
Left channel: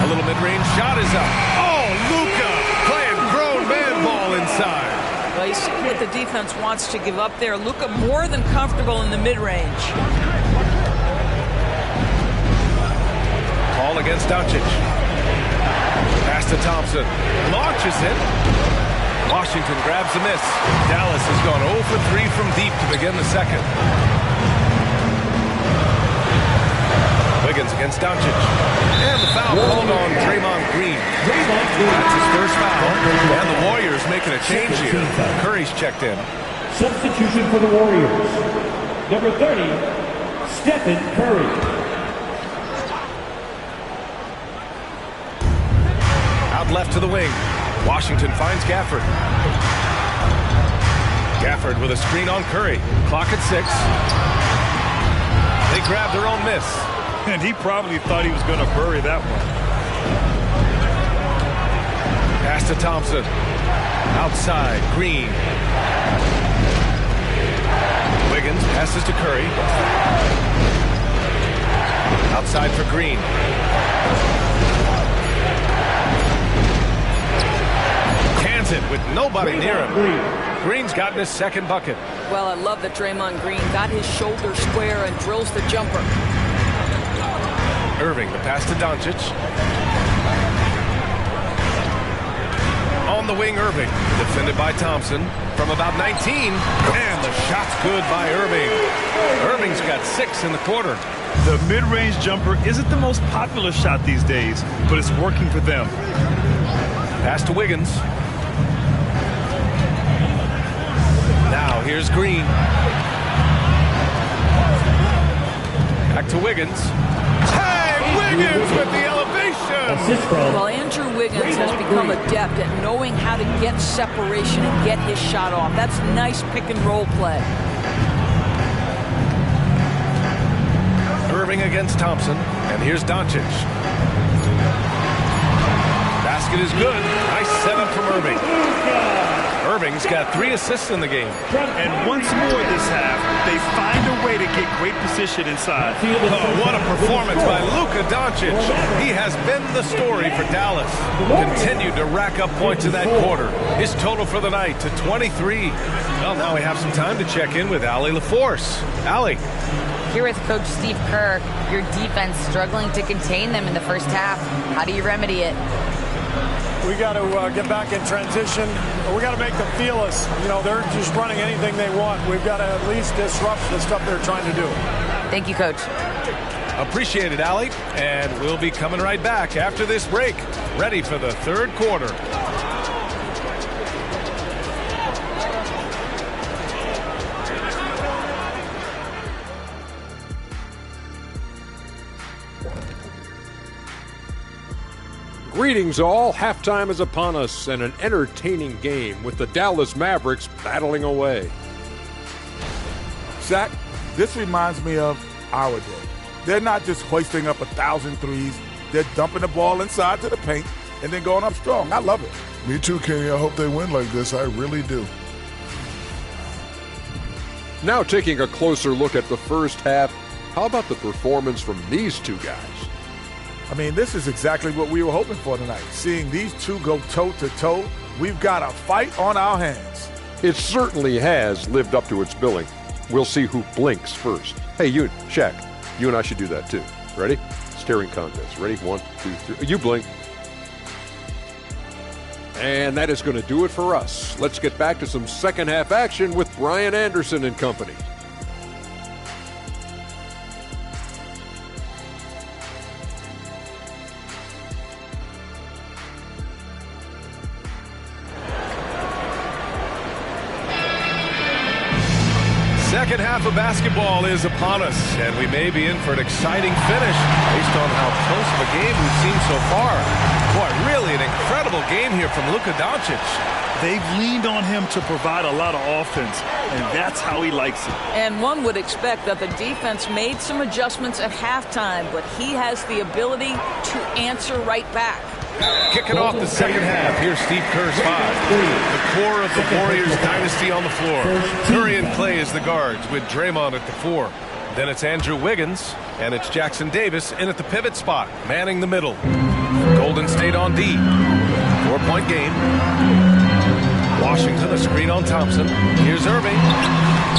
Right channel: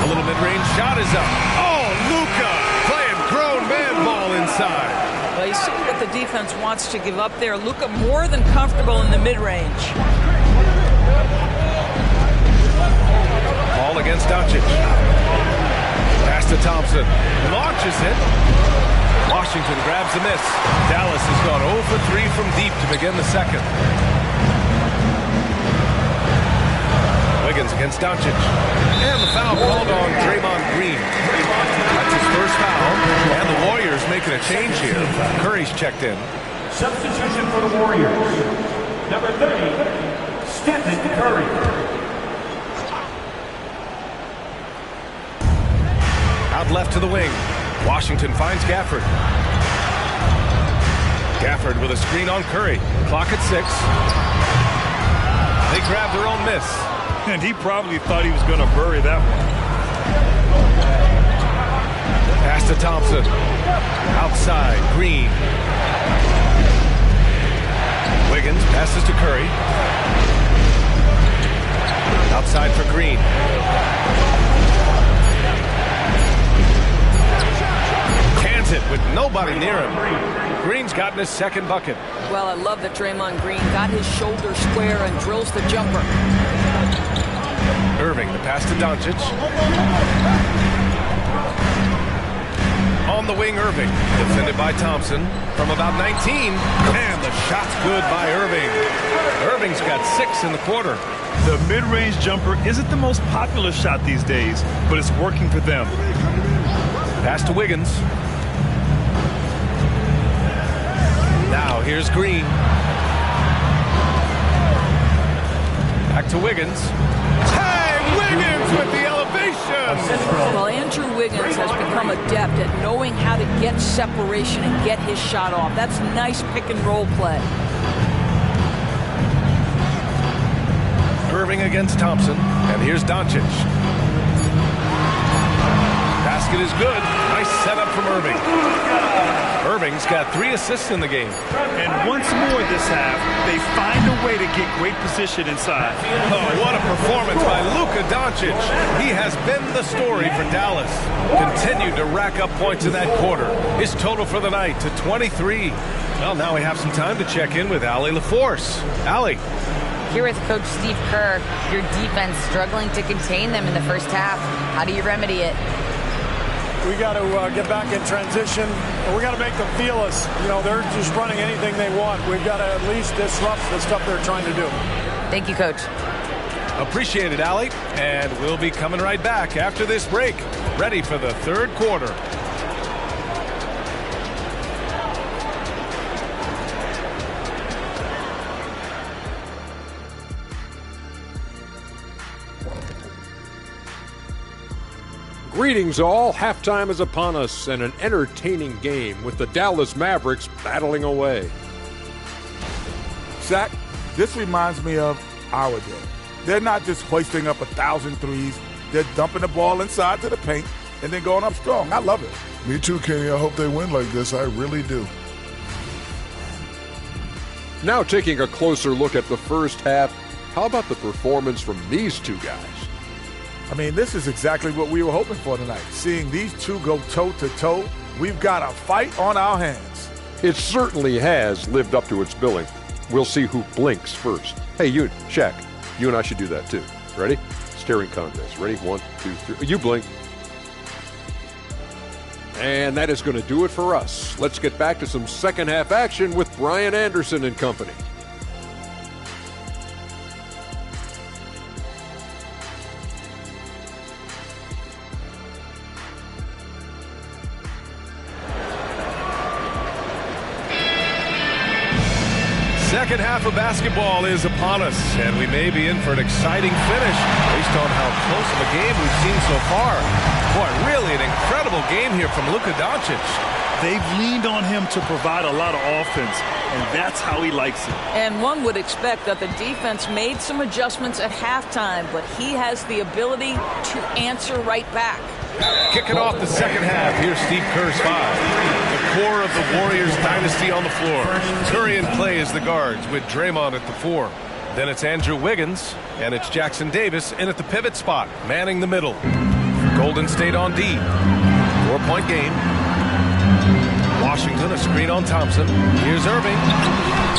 A little mid-range shot is up. Oh, Luka playing grown man ball inside. Well, you see what the defense wants to give up there. Luka more than comfortable in the mid-range. Paul against Doncic. Pass to Thompson. Launches it. Washington grabs the miss. Dallas has gone 0 for 3 from deep to begin the second. Wiggins against Doncic. And the foul called on Draymond Green. That's his first foul. And the Warriors making a change here. Curry's checked in. Substitution for the Warriors. Number 30, Stephen Curry. Out left to the wing. Washington finds Gafford. Gafford with a screen on Curry. Clock at 6. They grab their own miss. And he probably thought he was going to bury that one. Pass to Thompson. Outside, Green. Wiggins passes to Curry. Outside for Green. Cans it with nobody near him. Green's gotten his second bucket. Well, I love that Draymond Green got his shoulder square and drills the jumper. Irving, the pass to Doncic. On the wing, Irving. Defended by Thompson from about 19. And the shot's good by Irving. Irving's got 6 in the quarter. The mid-range jumper isn't the most popular shot these days, but it's working for them. Pass to Wiggins. Now here's Green. Back to Wiggins. Hey, Wiggins with the elevation. Well, Andrew Wiggins has become adept at knowing how to get separation and get his shot off. That's nice pick and roll play. Irving against Thompson. And here's Doncic. Basket is good. Nice setup from Irving. Irving's got 3 assists in the game. And once more this half, they find a way to get great position inside. Oh, what a performance by Luka Doncic. He has been the story for Dallas. Continued to rack up points in that quarter. His total for the night to 23. Well, now we have some time to check in with Allie LaForce. Allie. Here with Coach Steve Kerr, your defense struggling to contain them in the first half. How do you remedy it? We got to get back in transition. We got to make them feel us. You know, they're just running anything they want. We've got to at least disrupt the stuff they're trying to do. Thank you, Coach. Appreciate it, Allie. And we'll be coming right back after this break. Ready for the third quarter. Greetings all. Halftime is upon us and an entertaining game with the Dallas Mavericks battling away. Shaq, this reminds me of our day. They're not just hoisting up 1,000 threes. They're dumping the ball inside to the paint and then going up strong. I love it. Me too, Kenny. I hope they win like this. I really do. Now taking a closer look at the first half, how about the performance from these two guys? I mean, this is exactly what we were hoping for tonight. Seeing these two go toe-to-toe, we've got a fight on our hands. It certainly has lived up to its billing. We'll see who blinks first. Hey, you, Shaq, you and I should do that too. Ready? Staring contest. Ready? 1, 2, 3. You blink. And that is going to do it for us. Let's get back to some second half action with Brian Anderson and company. Second half of basketball is upon us, and we may be in for an exciting finish based on how close of a game we've seen so far. Boy, really an incredible game here from Luka Doncic. They've leaned on him to provide a lot of offense, and that's how he likes it. And one would expect that the defense made some adjustments at halftime, but he has the ability to answer right back. Kicking off the second half, here's Steve Kerr's 5. The core of the Warriors dynasty on the floor. Curry and Clay as the guards with Draymond at the 4. Then it's Andrew Wiggins, and it's Jackson Davis in at the pivot spot, manning the middle. Golden State on D. 4-point game. Washington, a screen on Thompson. Here's Irving.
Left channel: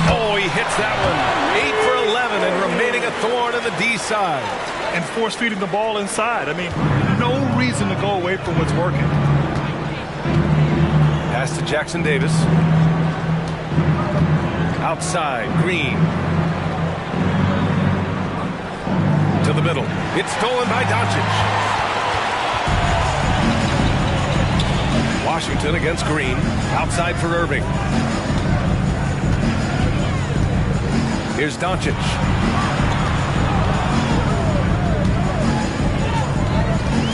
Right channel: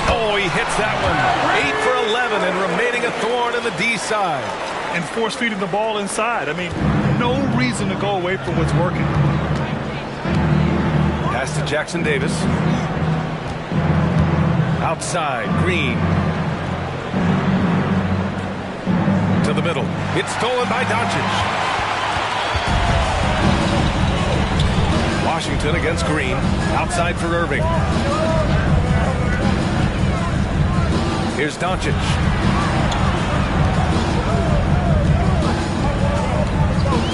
Oh, he hits that one. 8 for 11 and remaining a thorn in the D side. And force feeding the ball inside. I mean, no reason to go away from what's working. Pass to Jackson Davis. Outside, Green. To the middle. It's stolen by Doncic. Washington against Green. Outside for Irving. Here's Doncic.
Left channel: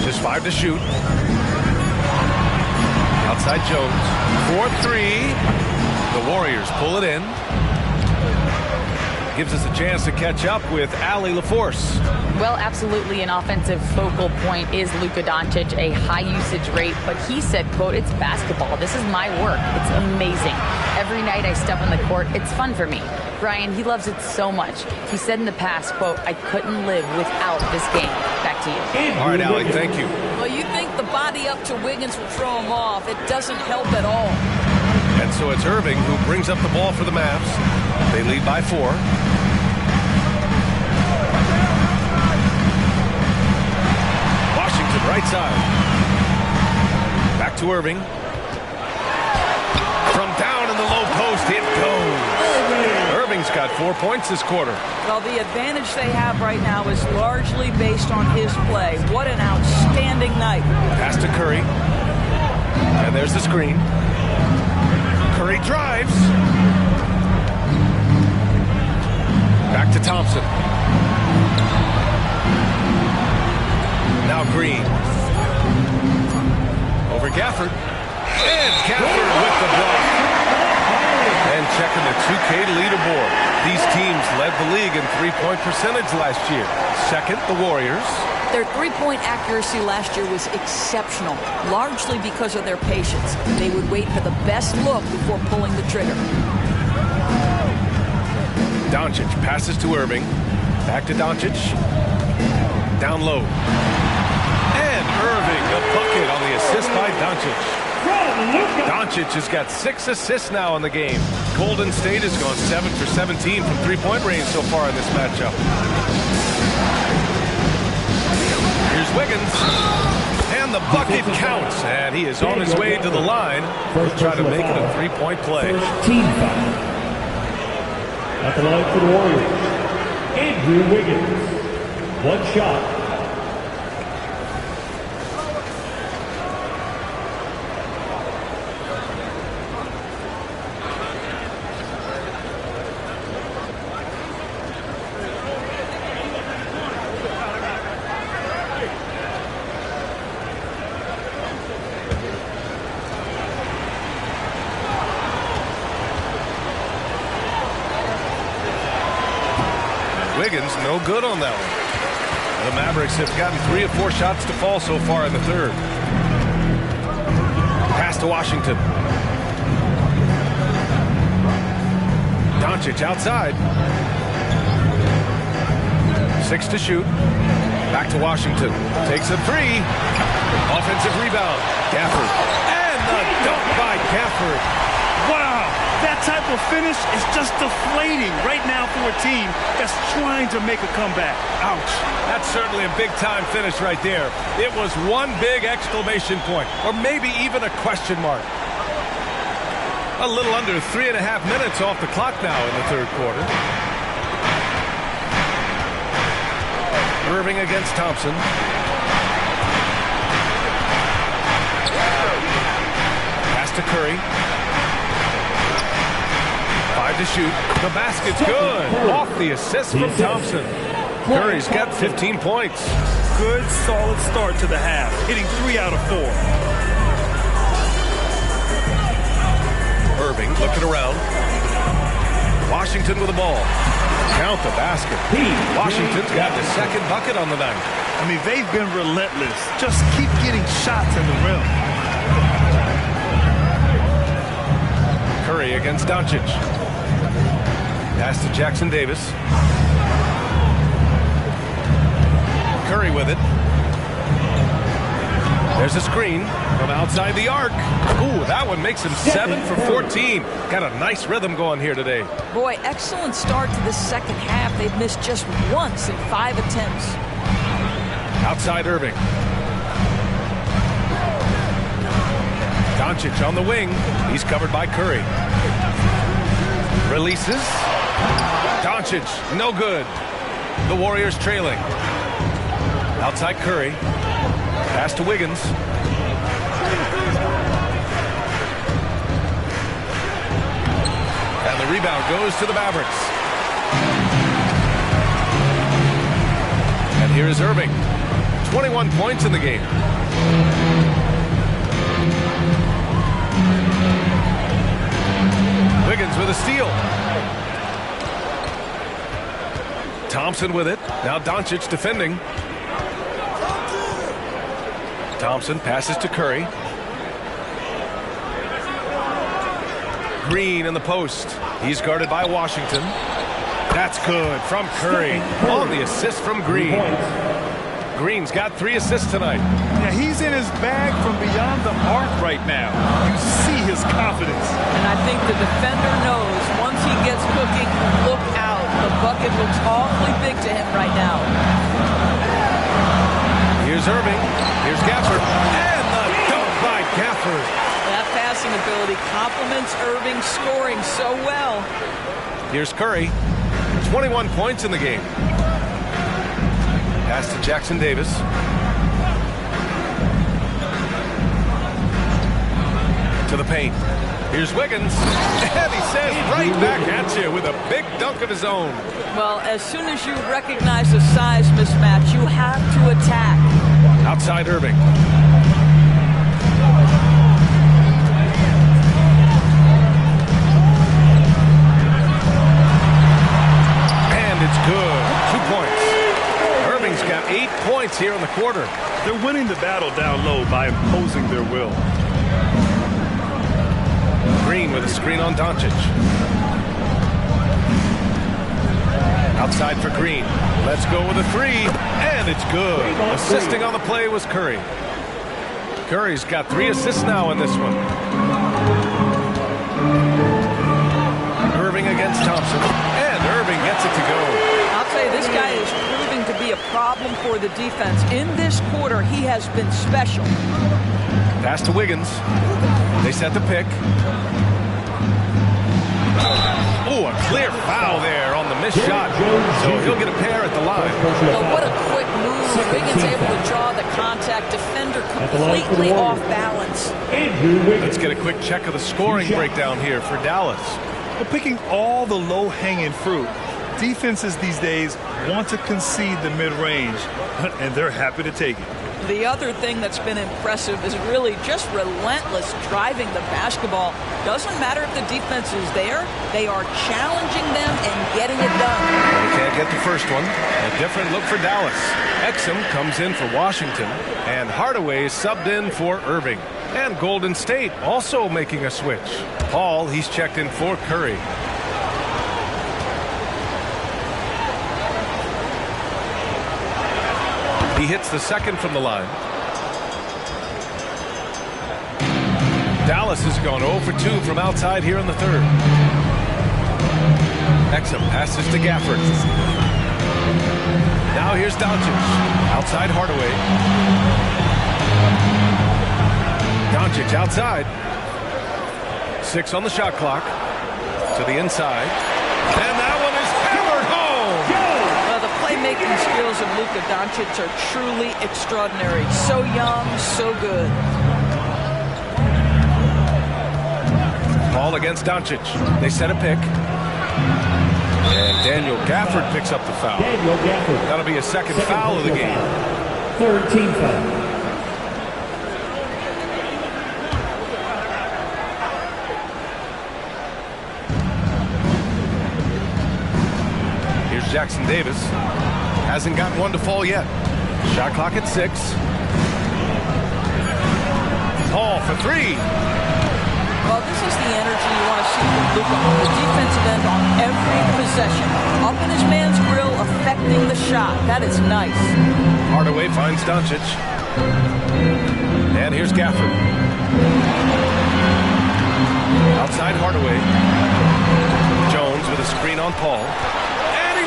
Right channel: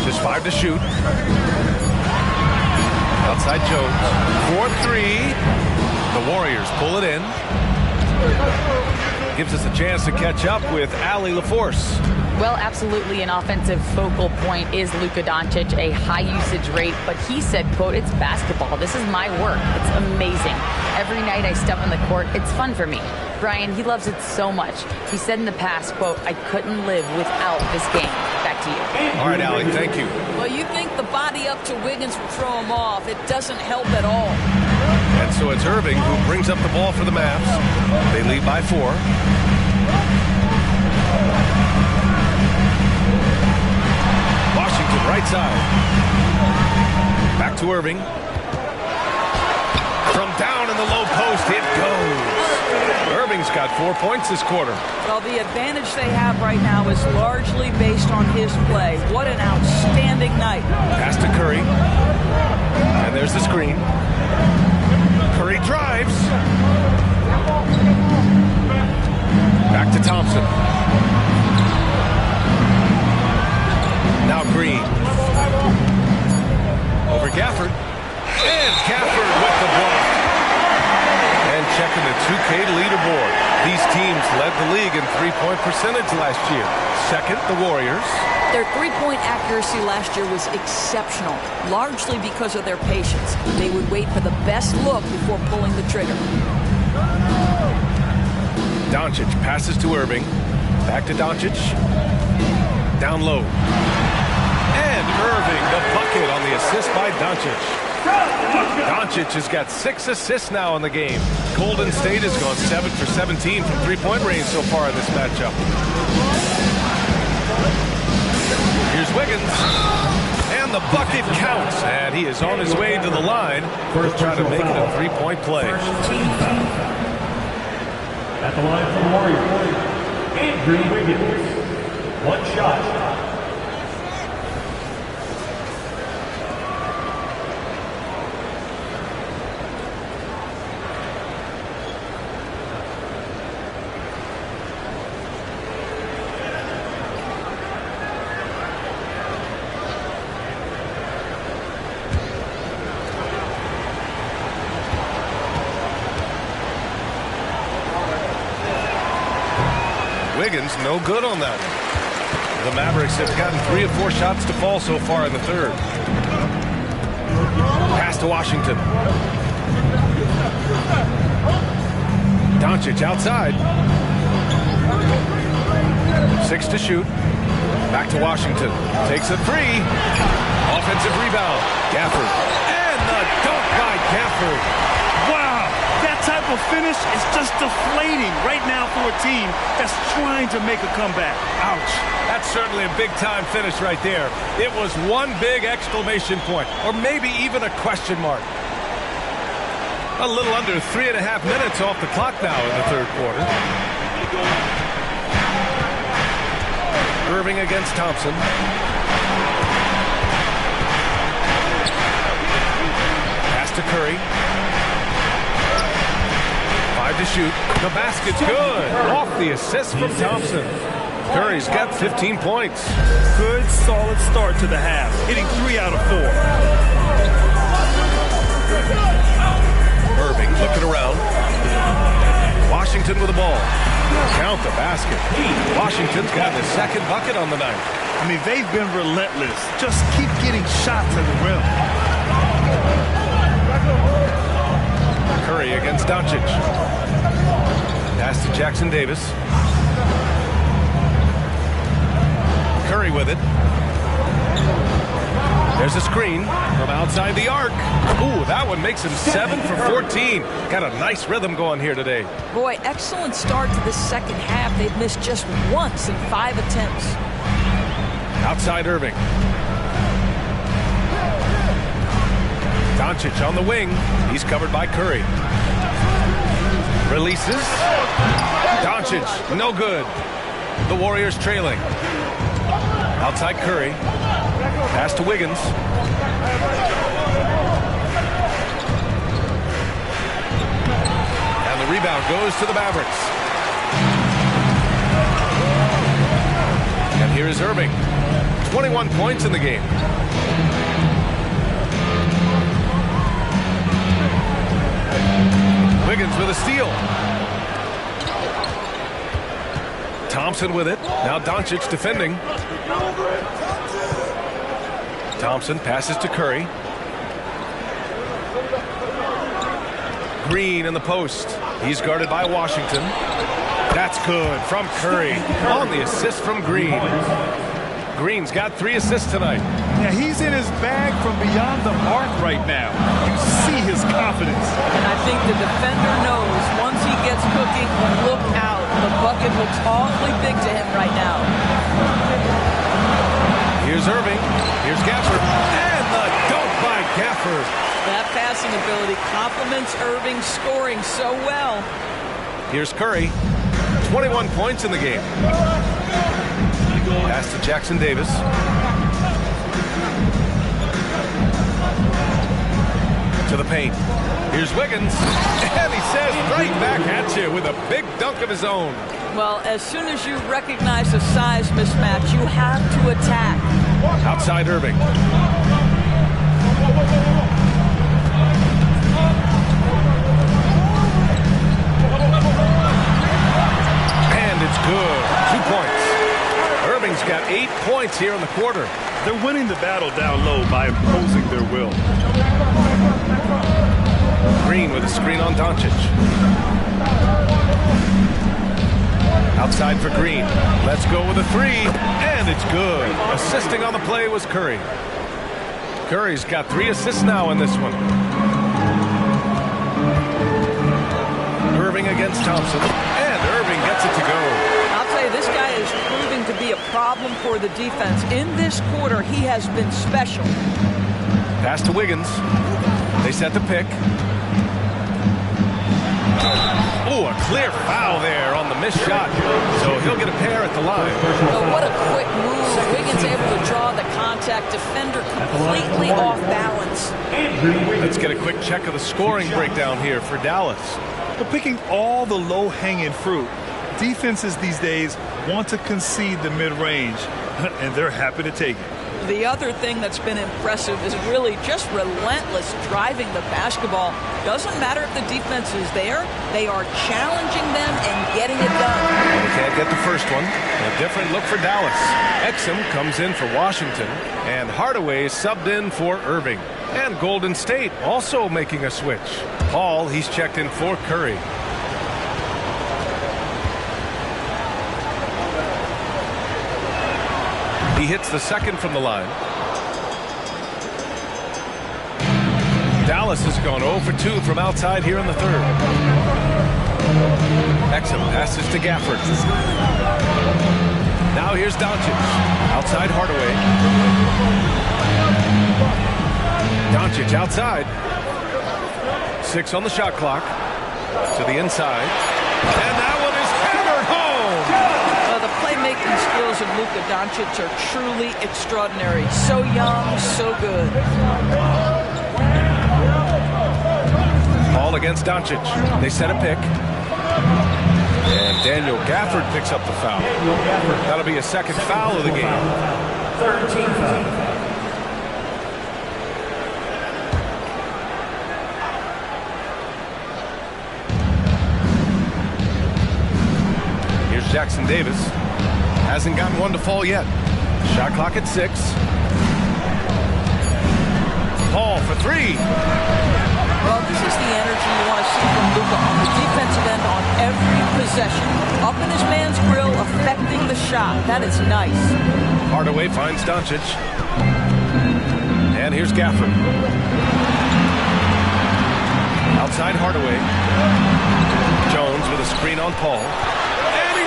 Just 5 to shoot. Outside Jones. 4-3. The Warriors pull it in. Gives us a chance to catch up with Allie LaForce. Well, absolutely an offensive focal point is Luka Doncic, a high usage rate, but he said, quote, "It's basketball. This is my work. It's amazing. Every night I step on the court, it's fun for me." Brian, he loves it so much. He said in the past, quote, "I couldn't live without this game." Back to you. All right, Allie, thank you. Well, you think the body up to Wiggins will throw him off. It doesn't help at all. And so it's Irving who brings up the ball for the Mavs. They lead by 4. Washington, right side. Back to Irving. From down in the low post, it goes. Irving's got 4 points this quarter. Well, the advantage they have right now is largely based on his play. What an outstanding night. Pass to Curry. And there's the screen. Curry drives. Back to Thompson. Now Green. Over Gafford. And Gafford with the block. And checking the 2K leaderboard. These teams led the league in three-point percentage last year. Second, the Warriors. Their three-point accuracy last year was exceptional, largely because of their patience. They would wait for the best look before pulling the trigger. Doncic passes to Irving. Back to Doncic. Down low. And Irving, the bucket on the assist by Doncic. Doncic has got 6 assists now in the game. Golden State has gone 7 for 17 from three-point range so far in this matchup. Here's Wiggins. And the bucket counts. And he is on his way to the line. He'll try to make it a three-point play. At the line for the Warriors, Andrew Wiggins. One shot. Wiggins, no good on that one. The Mavericks have gotten 3 of 4 shots to fall so far in the third. Pass to Washington. Doncic outside. 6 to shoot. Back to Washington. Takes a 3. Offensive rebound. Gafford. And the dunk by Gafford. Wow, that type of finish is just deflating right now for a team that's trying to make a comeback. Ouch. That's certainly a big-time finish right there. It was one big exclamation point, or maybe even a question mark. A little under 3.5 minutes off the clock now in the third quarter. Irving against Thompson. Pass to Curry. 5 to shoot. The basket's good. Off the assist from Thompson. Curry's got 15 points. Good, solid start to the half, hitting 3 out of 4. Irving looking around. Washington with the ball. Count the basket. Washington's gotten his second bucket on the night. I mean, they've been relentless. Just keep getting shots at the rim. Curry against Doncic. Pass to Jackson Davis. Curry with it. There's a screen from outside the arc. Ooh, that one makes him 7 for 14. Got a nice rhythm going here today. Boy, excellent start to the second half. They've missed just once in 5 attempts. Outside Irving. Doncic on the wing. He's covered by Curry. Releases. Doncic, no good. The Warriors trailing. Outside Curry. Pass to Wiggins. And the rebound goes to the Mavericks. And here is Irving. 21 points in the game. Wiggins with a steal. Thompson with it. Now Doncic defending. Thompson passes to Curry. Green in the post. He's guarded by Washington. That's good from Curry on the assist from Green. Green's got 3 assists tonight. Yeah, he's in his bag from beyond the arc right now. You see his confidence. And I think the defender knows once he gets cooking, look out. The bucket looks awfully big to him right now. Here's Irving. Here's Gafford. And the dunk by Gafford. That passing ability complements Irving's scoring so well. Here's Curry. 21 points in the game. Pass to Jackson Davis. To the paint. Here's Wiggins. And he says right back at you with a big dunk of his own. Well, as soon as you recognize a size mismatch, you have to attack. Outside Irving. And it's good. 2 points. Irving's got 8 points here in the quarter. They're winning the battle down low by imposing their will. Green with a screen on Doncic. Outside for Green. Let's go with a three, and it's good. Assisting on the play was Curry. Curry's got 3 assists now in this one. Irving against Thompson, and Irving gets it to go. I'll tell you, this guy is proving to be a problem for the defense. In this quarter, he has been special. Pass to Wiggins. They set the pick. Oh, a clear foul there on the missed shot. So he'll get a pair at the line. Well, what a quick move. Wiggins able to draw the contact. Defender completely off balance. Let's get a quick check of the scoring breakdown here for Dallas. But picking all the low-hanging fruit, defenses these days want to concede the mid-range, and they're happy to take it. The other thing that's been impressive is really just relentless driving the basketball. Doesn't matter if the defense is there, they are challenging them and getting it done. And he can't get the first one. A different look for Dallas. Exum comes in for Washington, and Hardaway subbed in for Irving. And Golden State also making a switch. Paul, he's checked in for Curry. He hits the second from the line. Dallas has gone 0 for 2 from outside here in the third. Exum passes to Gafford. Now here's Doncic. Outside Hardaway. Doncic outside. 6 on the shot clock. To the inside. And that one is hammered home. The playmaking skills of Luka Doncic are truly extraordinary. So young, so good. Paul against Doncic. They set a pick. And Daniel Gafford picks up the foul. That'll be a second foul of the game. Third team foul. Here's Jackson Davis. Hasn't gotten one to fall yet. Shot clock at 6. Paul for 3. Well, this is the energy you want to see from Luka on the defensive end on every possession. Up in his man's grill, affecting the shot. That is nice. Hardaway finds Doncic. And here's Gafford. Outside Hardaway. Jones with a screen on Paul.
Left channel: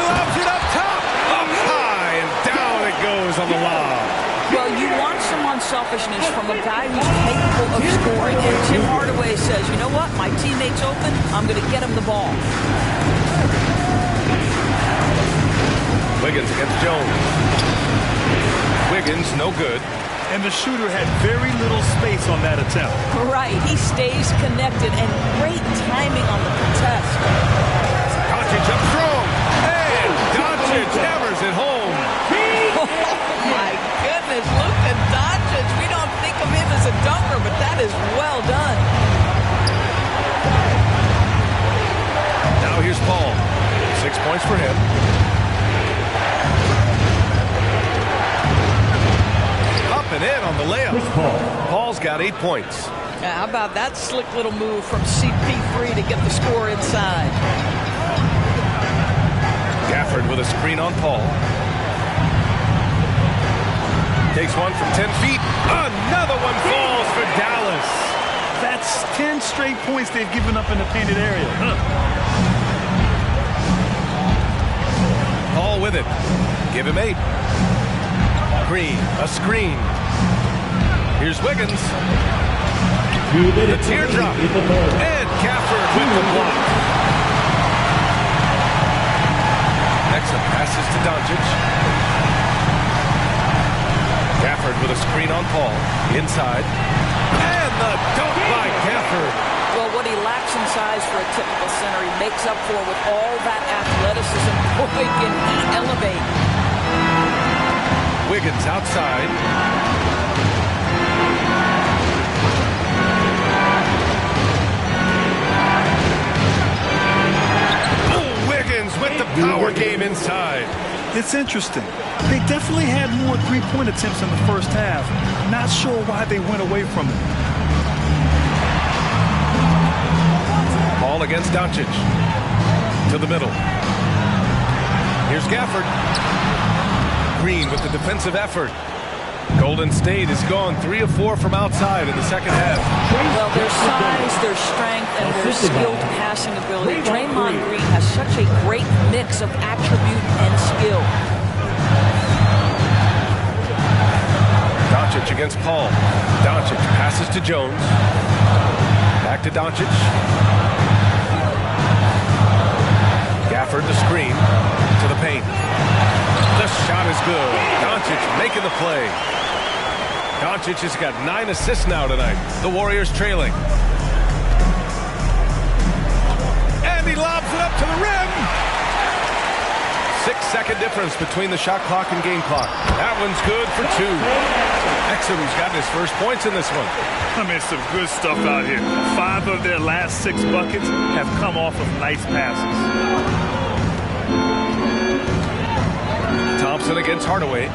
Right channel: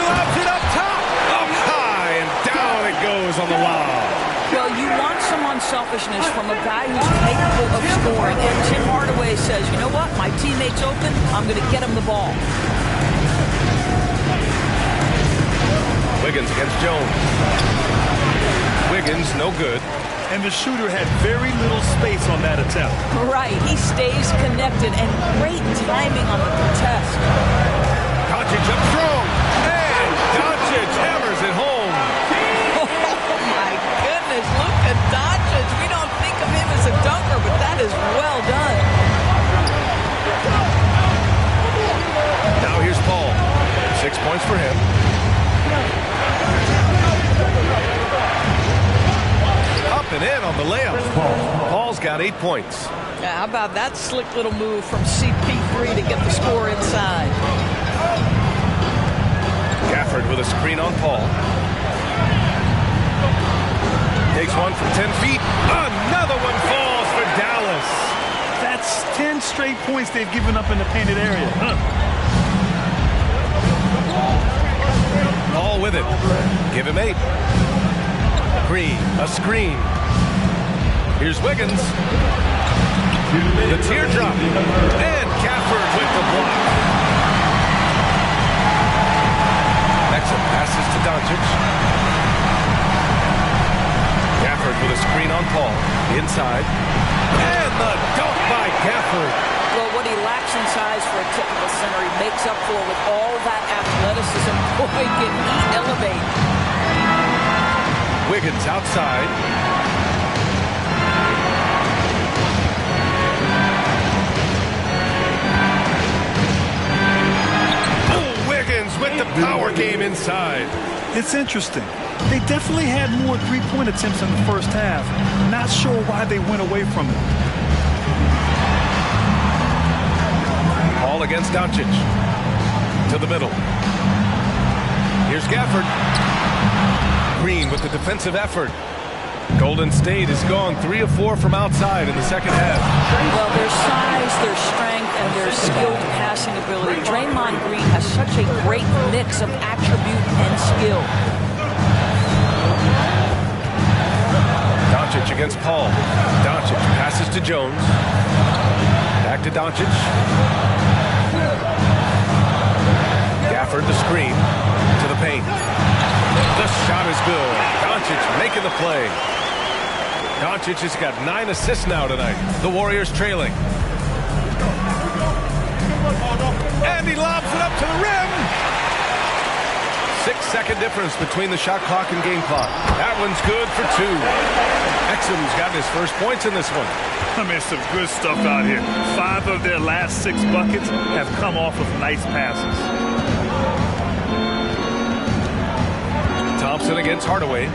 Lobs it up top, up high, and down it goes on the lob. Well, you want some unselfishness from a guy who's capable of scoring, and Tim Hardaway says, you know what, my teammate's open, I'm going to get him the ball. Wiggins against Jones. Wiggins, no good. And the shooter had very little space on that attempt. Right, he stays connected, and great timing on the contest. Doncic up strong. And Doncic hammers it home. Oh, my goodness. Luka Doncic. We don't think of him as a dunker, but that is well done. Now here's Paul. 6 points for him. Up and in on the layup. Paul's got 8 points. How about that slick little move from CP3 to get the score inside? Gafford with a screen on Paul. Takes one from 10 feet. Another one falls for Dallas. That's 10 straight points they've given up in the painted area. Paul with it. Give him 8. Green, a screen. Here's Wiggins. The teardrop. And Gafford with the block. Exum passes to Doncic. Gafford with a screen on Paul. Inside. And the dunk by Gafford. Well, what he lacks in size for a typical center, he makes up for with all that athleticism. Boy, can he elevate. Wiggins outside. Oh, Wiggins with the power game inside. It's interesting. They definitely had more three-point attempts in the first half. Not sure why they went away from it. Paul against Doncic. To the middle. Here's Gafford. Green with the defensive effort. Golden State has gone 3 of 4 from outside in the second half. Well, their size, their strength, and their skilled passing ability. Draymond Green has such a great mix of attribute and skill. Doncic against Paul. Doncic passes to Jones. Back to Doncic. Gafford the screen to the paint. The shot is good. Doncic making the play. Doncic has got 9 assists now tonight. The Warriors trailing. And he lobs it up to the rim. 6-second difference between the shot clock and game clock. That one's good for 2. Exum's got his first points in this one. I mean, some good stuff out here. 5 of their last 6 buckets have come off of nice passes. Thompson against Hardaway.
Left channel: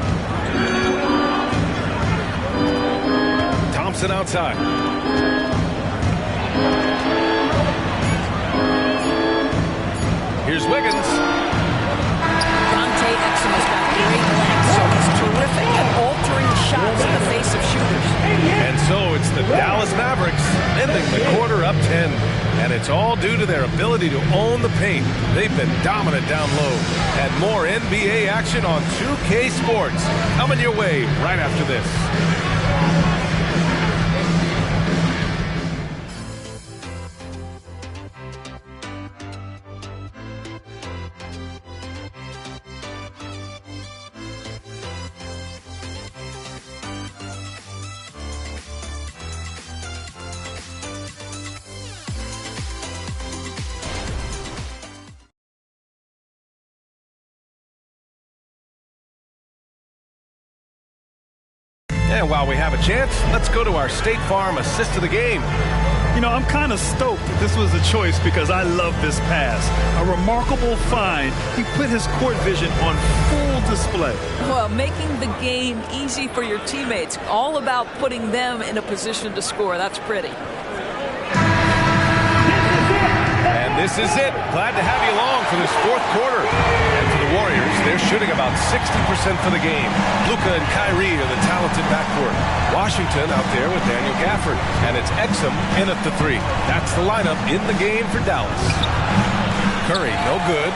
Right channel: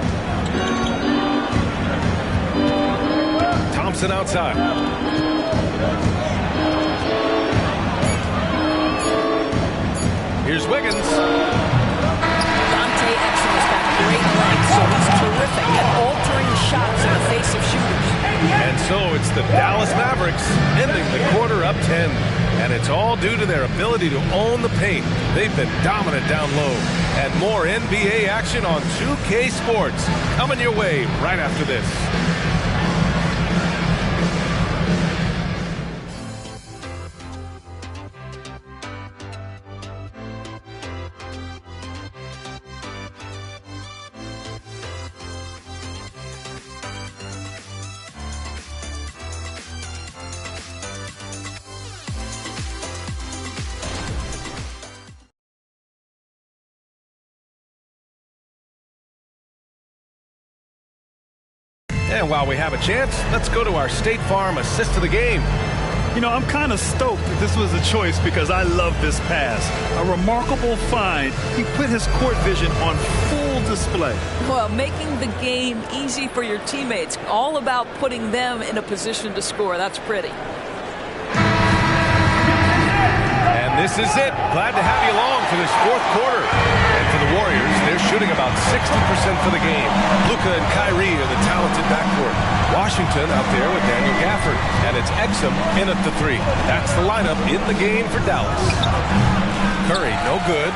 Thompson outside. Here's Wiggins. Dante Exum has got great length, so he's terrific at altering shots in the face of shooters. And so it's the Dallas Mavericks ending the quarter up 10. And it's all due to their ability to own the paint. They've been dominant down low. And more NBA action on 2K Sports coming your way right after this. And while we have a chance, let's go to our State Farm assist of the game. You know, I'm kind of stoked that this was a choice because I love this pass. A remarkable find. He put his court vision on full display. Well, making the game easy for your teammates. All about putting them in a position to score. That's pretty. And this is it. Glad to have you along for this 4th quarter. And for the Warriors, they're shooting about 60% for the game. Luka and Kyrie are the talented backcourt. Washington out there with Daniel Gafford. And it's Exum in at the 3. That's the lineup in the game for Dallas. Curry, no good.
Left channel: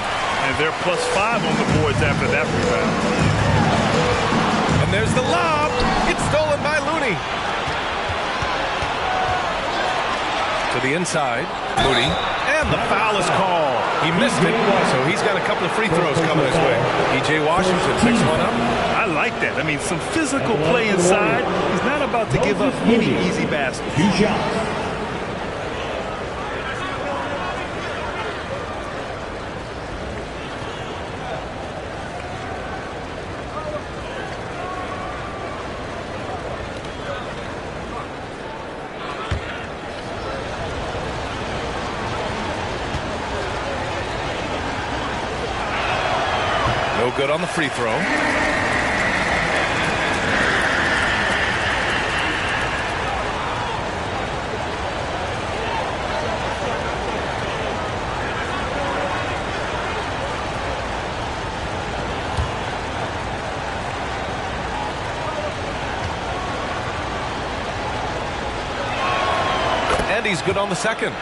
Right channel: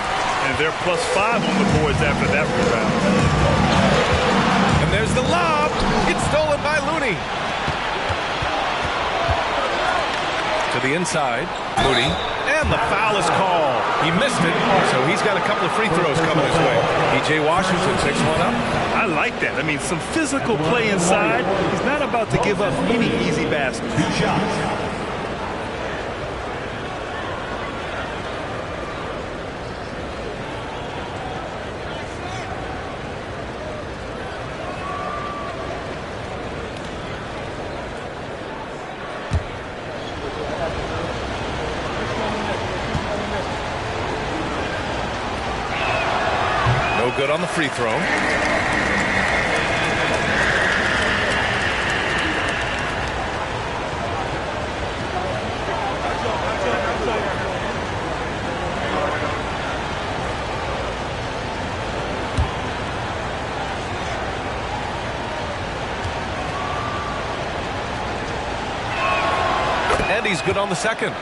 And they're +5 on the boards after that rebound. And there's the lob. It's stolen by Looney. To the inside. Moody. And the foul is called. He missed it, so he's got a couple of free throws coming his way. P.J. Washington picks one up. I like that. I mean, some physical play inside. He's not about to give up any easy baskets. 2 shots. No good on the free throw. And he's good on the second.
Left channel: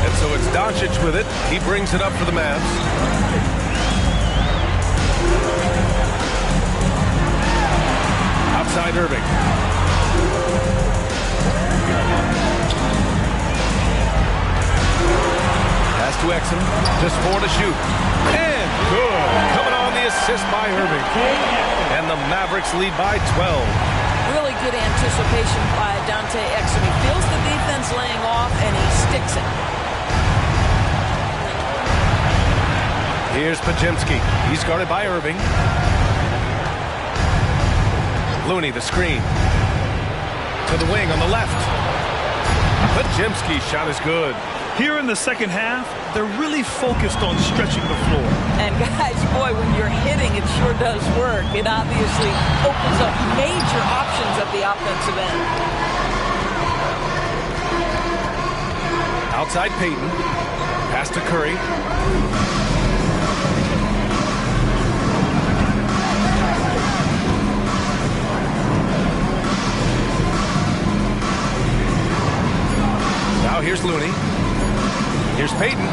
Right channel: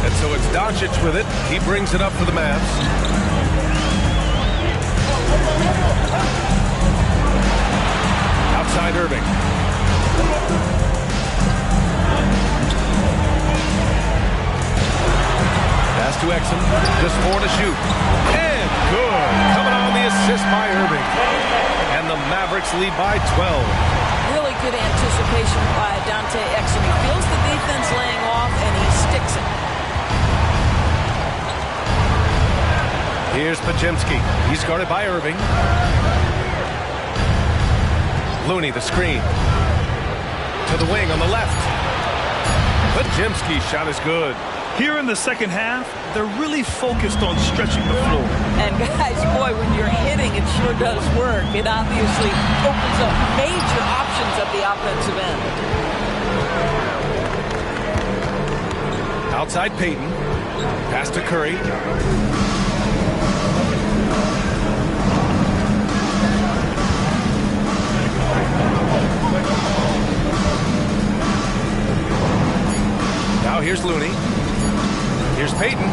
And so it's Doncic with it. He brings it up for the Mavs. Outside Irving. Pass to Exum. Just 4 to shoot. And good. Coming on the assist by Irving. And the Mavericks lead by 12. Really good anticipation by Dante Exum. He feels the defense laying off, and he sticks it. Here's Pajemski. He's guarded by Irving. Looney, the screen. To the wing on the left. Pajemski's shot is good. Here in the second half, they're really focused on stretching the floor. And guys, boy, when you're hitting, it sure does work. It obviously opens up major options at the offensive end. Outside Payton. Pass to Curry. Now here's Looney. Here's Payton.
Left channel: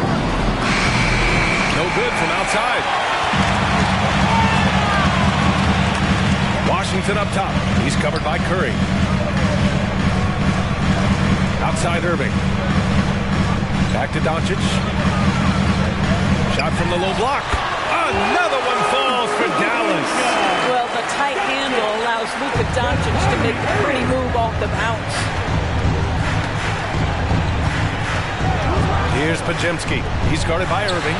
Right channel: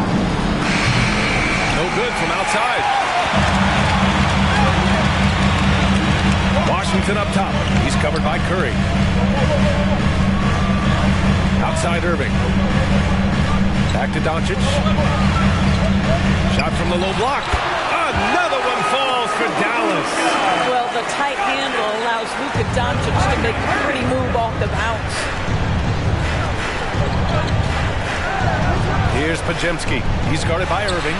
No good from outside. Washington up top. He's covered by Curry. Outside Irving. Back to Doncic. Shot from the low block. Another one falls for Dallas. Well, the tight handle allows Luka Doncic to make the pretty move off the bounce. Here's Pajemski. He's guarded by Irving.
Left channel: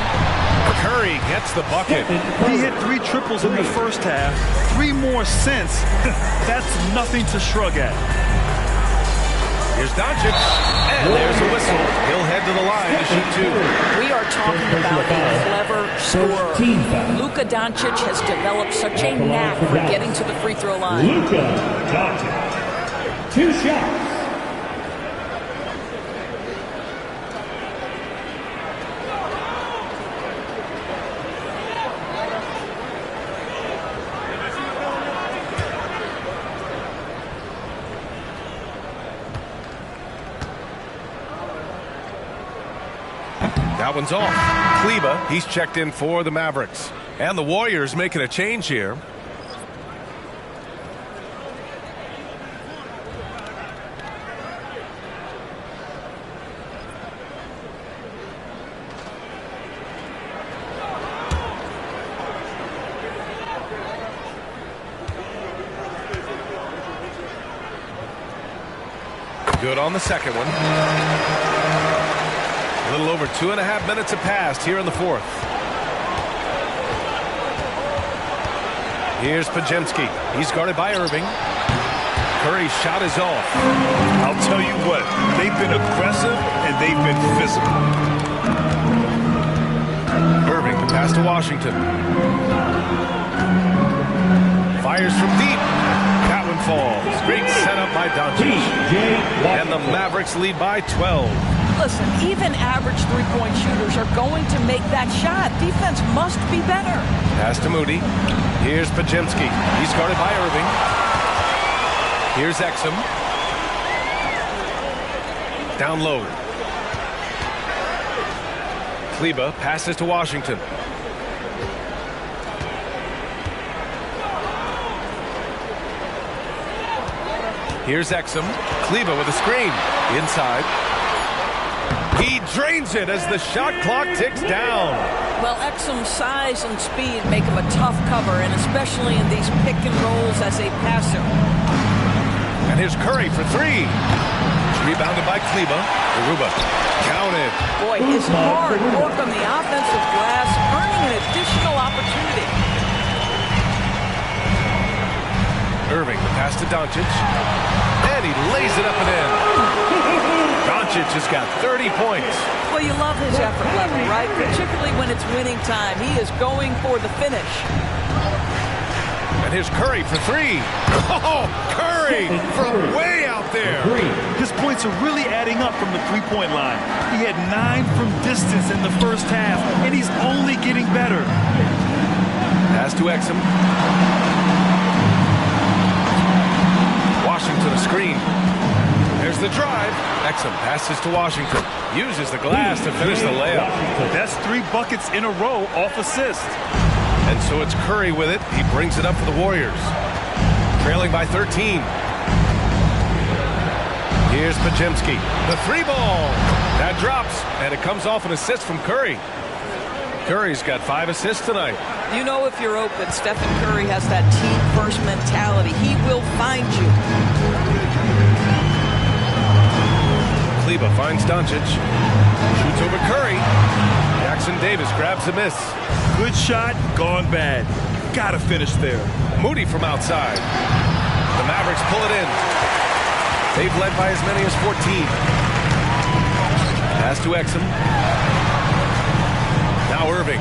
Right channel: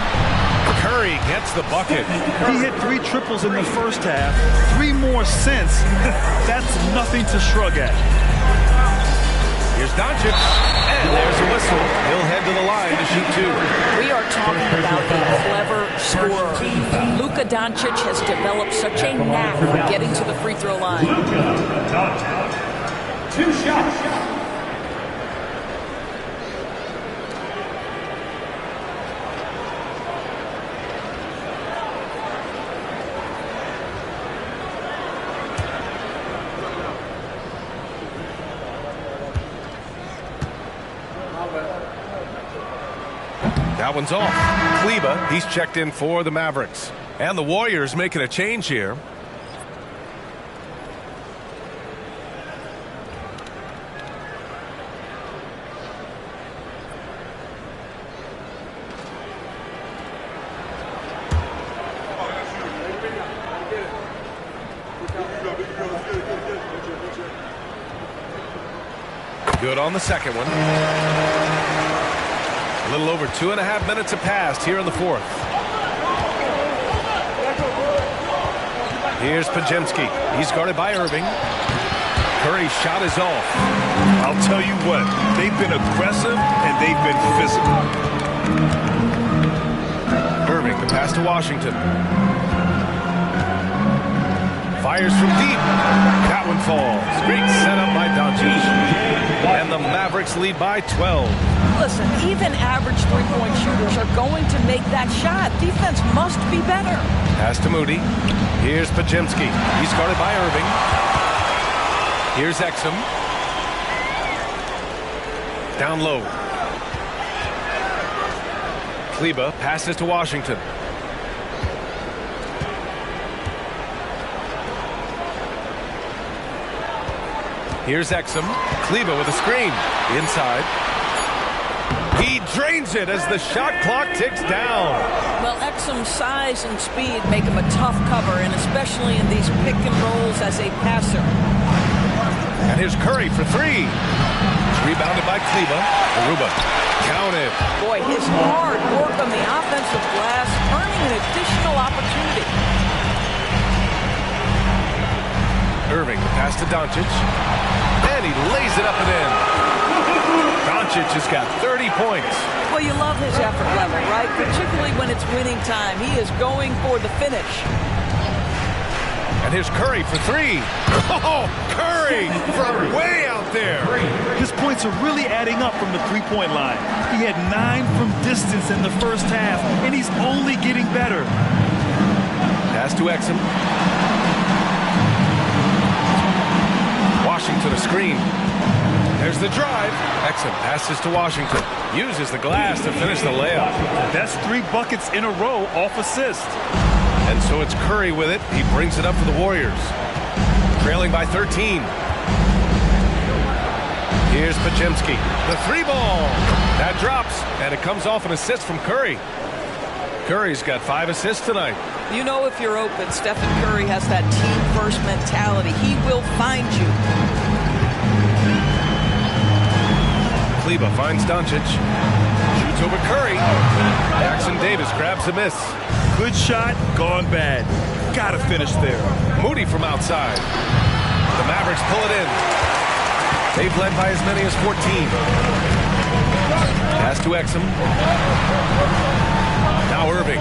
Curry gets the bucket. He hit 3 triples in the first half. 3 more since. That's nothing to shrug at. Here's Doncic. And there's a whistle. He'll head to the line to shoot 2. We are talking about a clever scorer. Luka Doncic has developed such a knack for getting to the free throw line. Luka Doncic. 2 shots. That one's off. Kleba, he's checked in for the Mavericks. And the Warriors making a change here. Good on the second one. A little over 2.5 minutes have passed here in the fourth. Here's Pajemski. He's guarded by Irving. Curry's shot is off. I'll tell you what, they've been aggressive and they've been physical. Irving, the pass to Washington. Fires from deep. That one falls. Great setup by Doncic. And the Mavericks lead by 12. Listen, even average three-point shooters are going to make that shot. Defense must be better. Pass to Moody. Here's Pajemski. He's guarded by Irving. Here's Exum. Down low. Kleba passes to Washington. Here's Exum. Kleba with a screen. Inside. He drains it as the shot clock ticks down. Well, Exum's size and speed make him a tough cover, and especially in these pick and rolls as a passer. And here's Curry for 3. It's rebounded by Kleba. Aruba counted. Boy, his hard work on the offensive glass earning an additional opportunity. Irving, the pass to Doncic. And he lays it up and in. Doncic has got 30 points. Well, you love his effort level, right? Particularly when it's winning time. He is going for the finish. And here's Curry for 3. Oh, Curry from way out there. His points are really adding up from the three-point line. He had 9 from distance in the first half, and he's only getting better. Pass to Exum. Washington a screen. There's the drive. Exum passes to Washington. Uses the glass to finish the layup. That's 3 buckets in a row off assist. And so it's Curry with it. He brings it up for the Warriors. Trailing by 13. Here's Pajemski. The 3-ball. That drops, and it comes off an assist from Curry. Curry's got 5 assists tonight. You know if you're open, Stephen Curry has that team-first mentality. He will find you. Kleba finds Doncic. Shoots over Curry. Jackson Davis grabs a miss. Good shot, gone bad. Gotta finish there. Moody from outside. The Mavericks pull it in. They've led by as many as 14. Pass to Exum. Now Irving.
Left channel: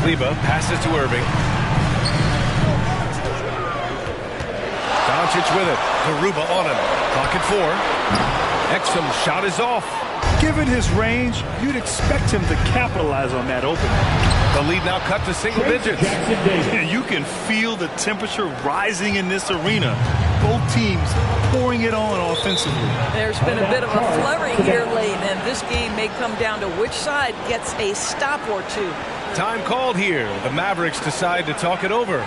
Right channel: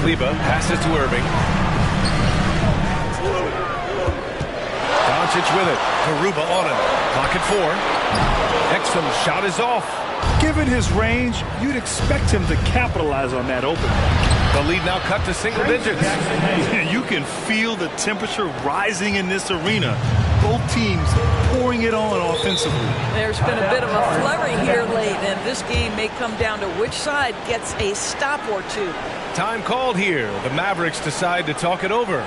Kleber passes to Irving. Doncic with it. Garuba on him. Clock at 4. Exum's shot is off. Given his range, you'd expect him to capitalize on that opening. The lead now cut to single digits. You can feel the temperature rising in this arena. Both teams pouring it on offensively. There's been a bit of a flurry here late, and this game may come down to which side gets a stop or two. Time called here. The Mavericks decide to talk it over.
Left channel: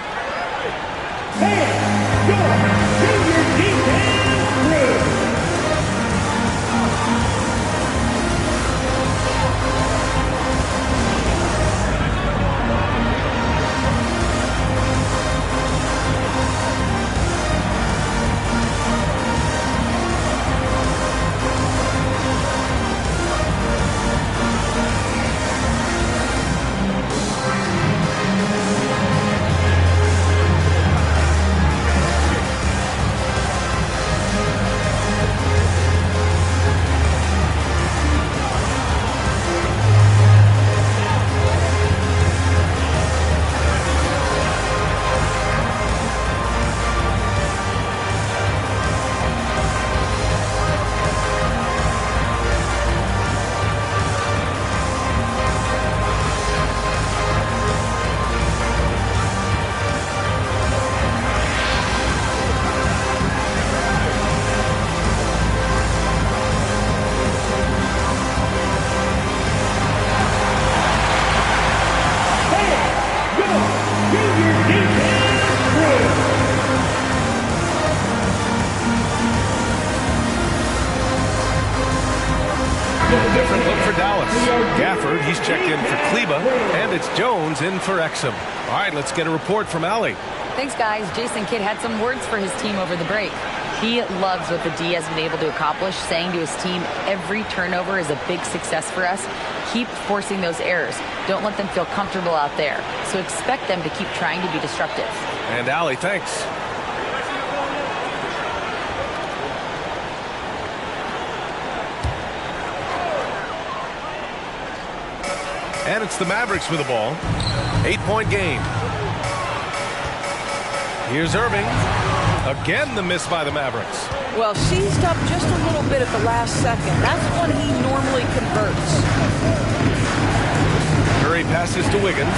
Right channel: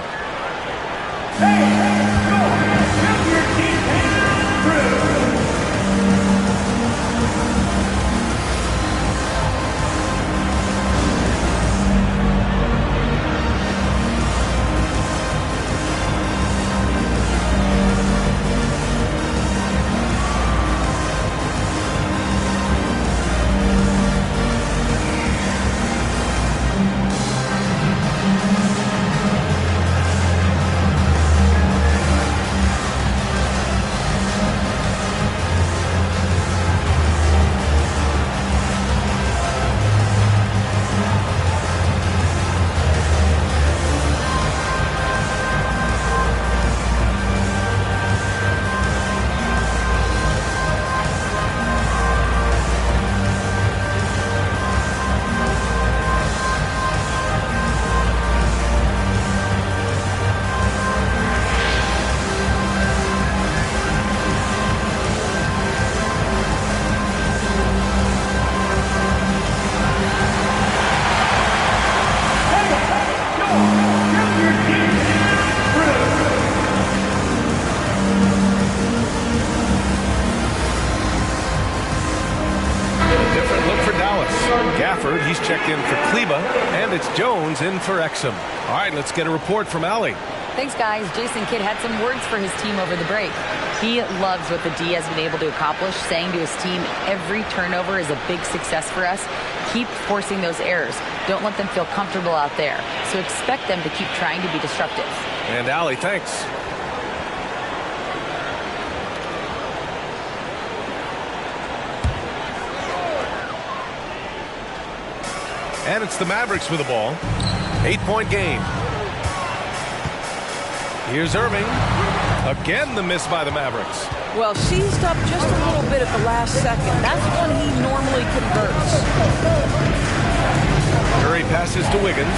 Dallas. Gafford, he's checked in for Kleber, and it's Jones in for Exum. All right, let's get a report from Allie. Thanks, guys. Jason Kidd had some words for his team over the break. He loves what the D has been able to accomplish, saying to his team, every turnover is a big success for us. Keep forcing those errors. Don't let them feel comfortable out there. So expect them to keep trying to be disruptive. And Allie, thanks. And it's the Mavericks with the ball. 8-point game. Here's Irving. Again, the miss by the Mavericks. Well, seized up just a little bit at the last second. That's when he normally converts. Curry passes to Wiggins.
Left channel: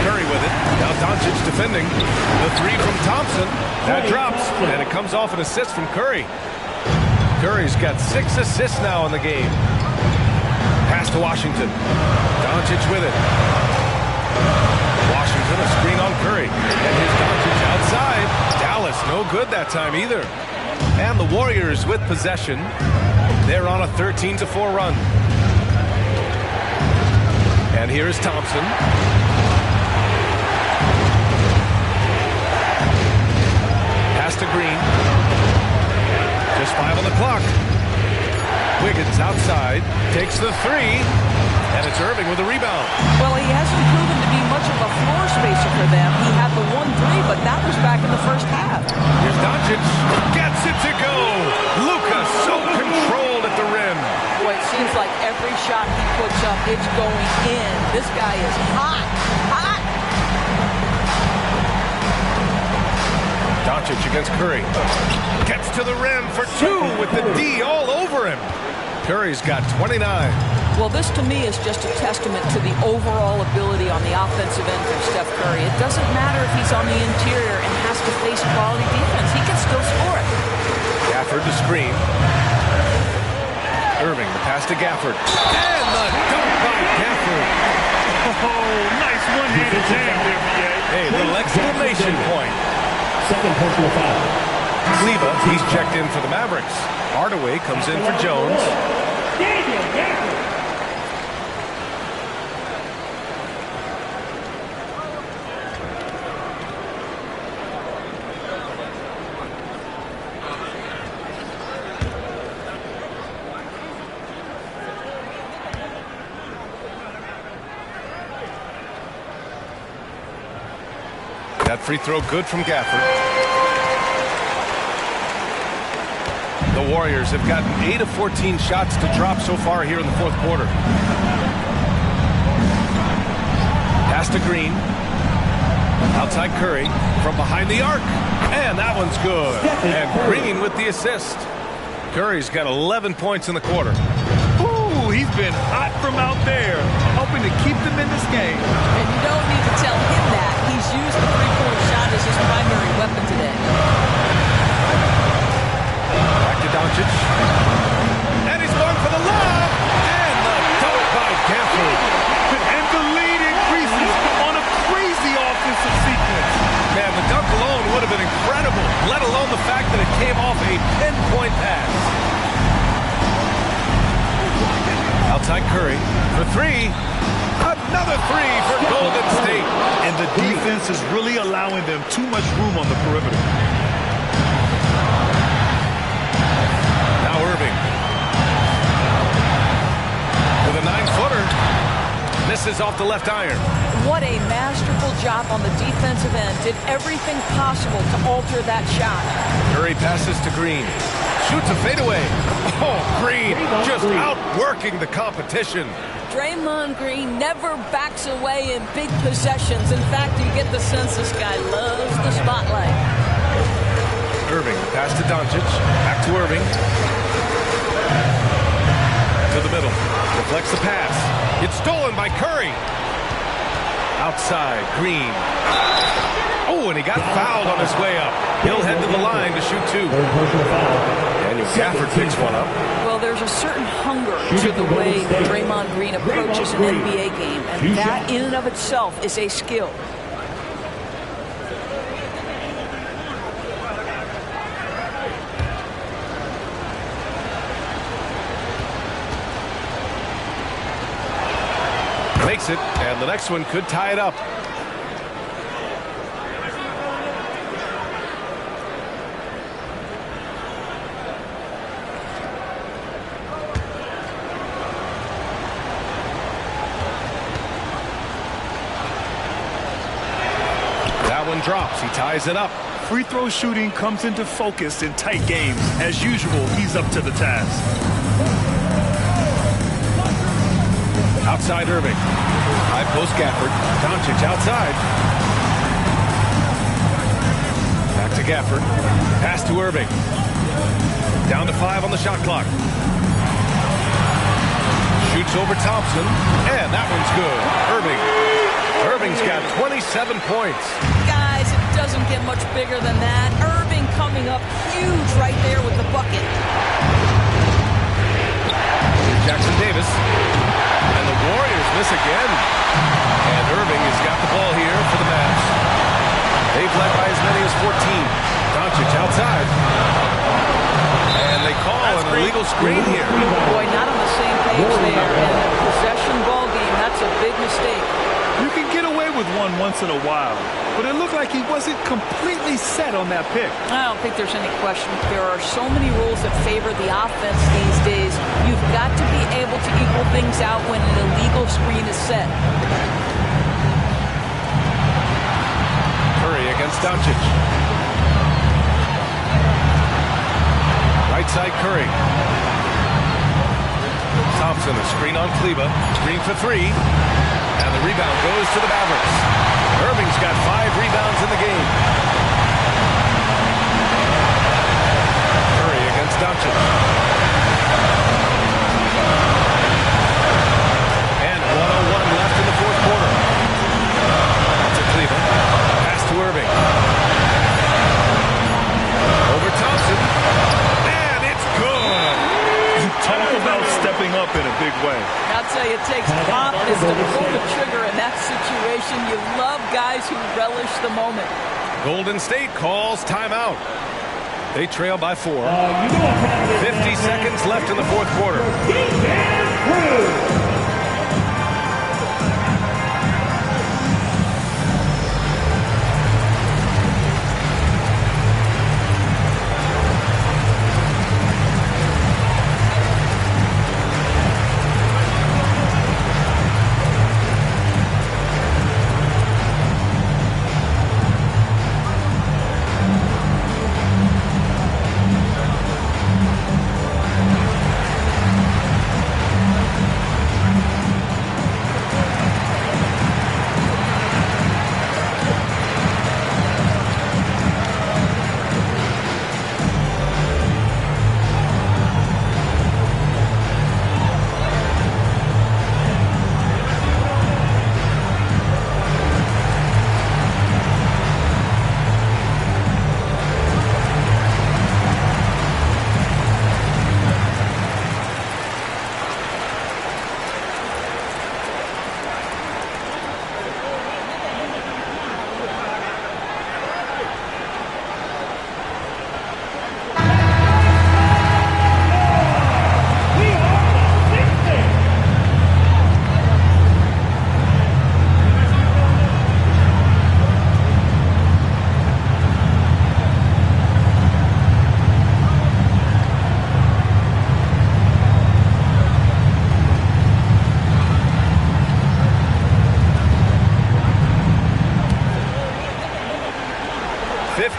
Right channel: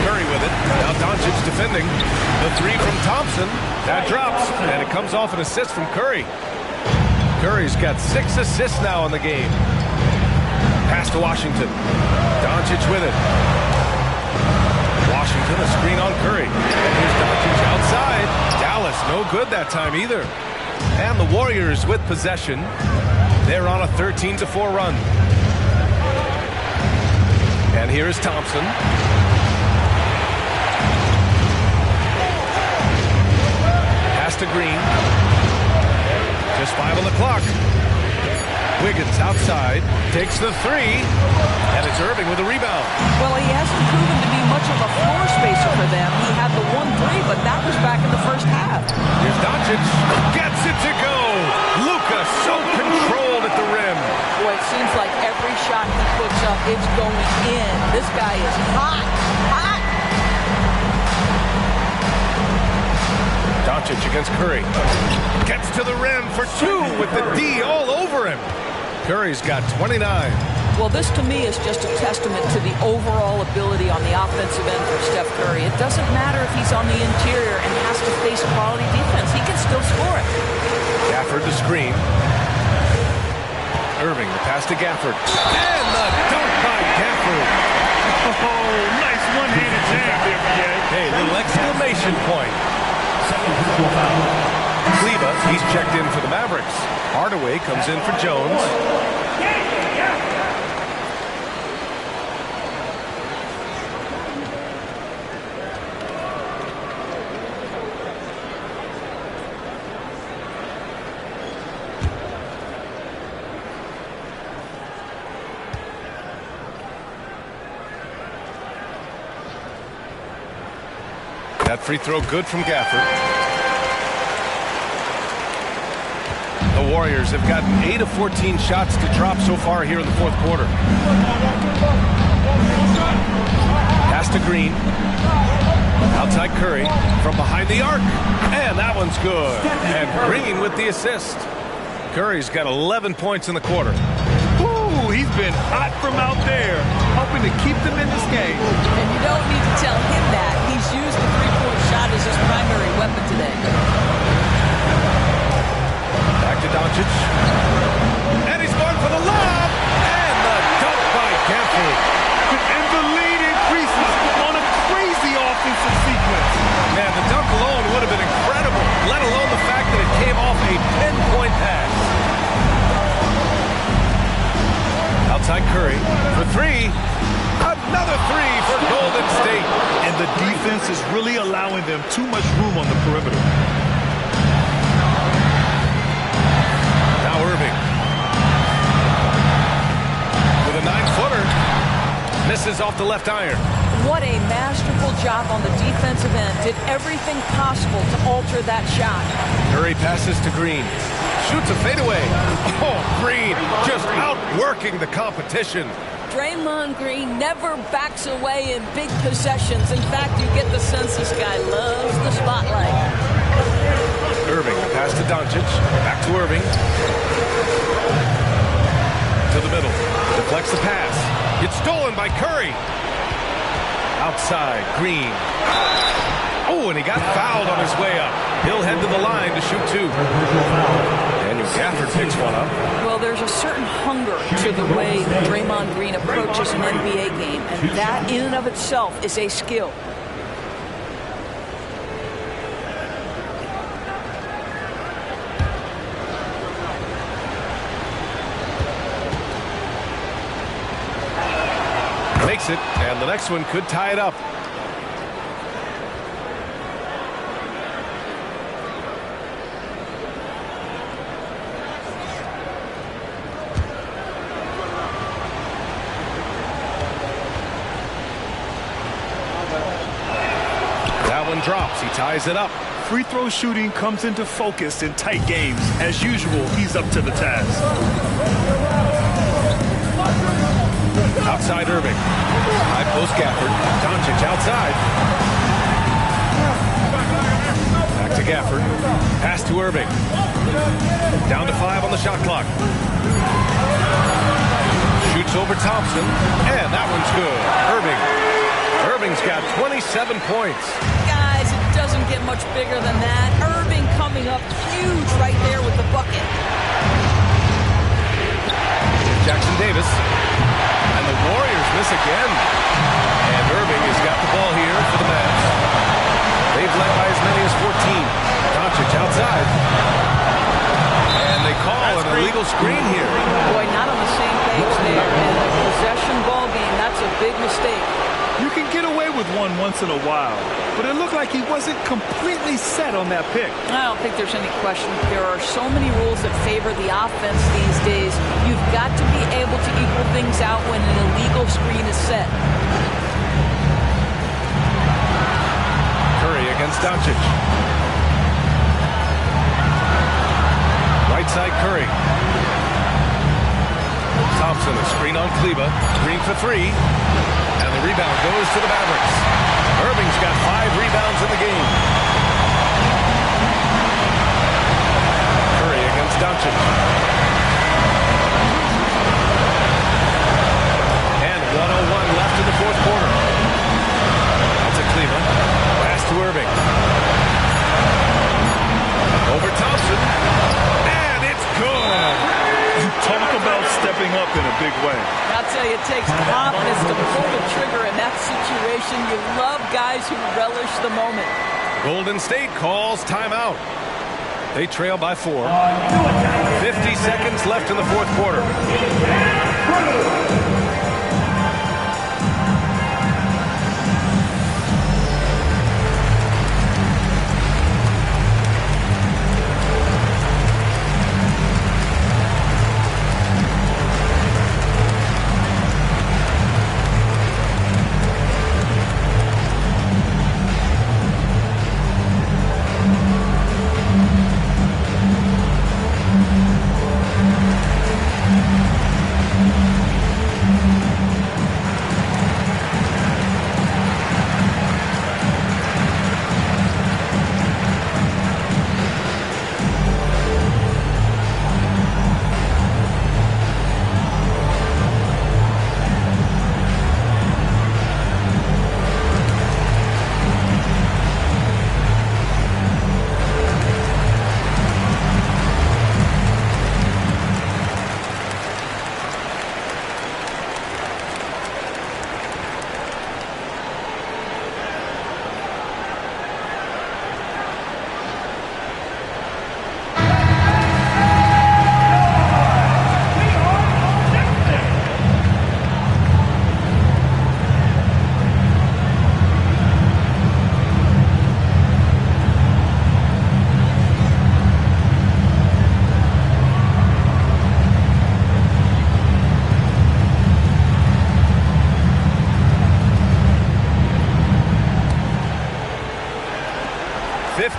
Curry with it. Now Doncic defending. The three from Thompson. That drops, and it comes off an assist from Curry. Curry's got 6 assists now in the game. Pass to Washington. Doncic with it. Washington, a screen on Curry. And here's Doncic outside. Dallas, no good that time either. And the Warriors with possession. They're on a 13-4 run. And here's Thompson. Pass to Green. Just 5 on the clock. Wiggins outside, takes the 3, and it's Irving with a rebound. Well, he hasn't proven to be much of a floor spacer for them. He had the 1-3, but that was back in the first half. Here's Doncic, gets it to go. Luka so controlled at the rim. Boy, it seems like every shot he puts up, it's going in. This guy is hot, hot. Doncic against Curry. Gets to the rim for 2 with the D all over him. Curry's got 29. Well, this to me is just a testament to the overall ability on the offensive end for Steph Curry. It doesn't matter if he's on the interior and has to face quality defense. He can still score it. Gafford the screen. Irving, the pass to Gafford. And the dunk by Gafford. Oh, nice one-handed jam there, B.A. Hey, little exclamation point. Second personal foul. Kleber, he's checked in for the Mavericks. Hardaway comes in for Jones. That free throw good from Gafford. The Warriors have gotten 8 of 14 shots to drop so far here in the fourth quarter. Pass to Green. Outside Curry from behind the arc. And that one's good. And Green with the assist. Curry's got 11 points in the quarter. Ooh, he's been hot from out there, hoping to keep them in this game. And you don't need to tell him that. He's used the three-point shot as his primary weapon today. Back to Doncic. And he's going for the lob. And the dunk by Gafford. And the lead increases on a crazy offensive sequence. Man, the dunk alone would have been incredible, let alone the fact that it came off a pinpoint pass. Outside Curry for three. Another three for Golden State. And the defense is really allowing them too much room on the perimeter. Now Irving. With a 9-footer. Misses off the left iron. What a masterful job on the defensive end. Did everything possible to alter that shot. Curry passes to Green. Shoots a fadeaway. Oh, Green just outworking the competition. Draymond Green never backs away in big possessions. In fact, you get the sense this guy loves the spotlight. Irving, the pass to Doncic. Back to Irving. To the middle. Deflects the pass. It's stolen by Curry. Outside, Green. Oh, and he got fouled on his way up. He'll head to the line to shoot two. Daniel Gafford picks one up. Well, there's a certain hunger to the way Draymond Green approaches an NBA game, and that in and of itself is a skill. Makes it, and the next one could tie it up. That one drops. He ties it up. Free throw shooting comes into focus in tight games. As usual, he's up to the task. Outside Irving. High post Gafford. Doncic outside. Back to Gafford. Pass to Irving. Down to 5 on the shot clock. Shoots over Thompson. And that one's good. Irving's got 27 points. Guys, it doesn't get much bigger than that. Irving coming up huge right there with the bucket. Here's Jackson Davis. And the Warriors miss again. And Irving has got the ball here for the Mavs. They've led by as many as 14. Doncic outside. And they call an illegal screen here. Boy, not on the same page there. In a possession ball game, that's a big mistake. You can get away with one once in a while, but it looked like he wasn't completely set on that pick. I don't think there's any question. There are so many rules that favor the offense these days. You've got to be able to equal things out when an illegal screen is set. Curry against Doncic. Right side Curry. Thompson, a screen on Kleba. Green for three. And the rebound goes to the Mavericks. Irving's got 5 rebounds in the game. Curry against Doncic. And 1:01 left in the fourth quarter. That's a Kleba. Pass to Irving. Over Thompson. And it's good. Talk about stepping up in a big way. I'll tell you, it takes confidence to pull the trigger in that situation. You love guys who relish the moment. Golden State calls timeout. They trail by 4. 50 seconds left in the fourth quarter.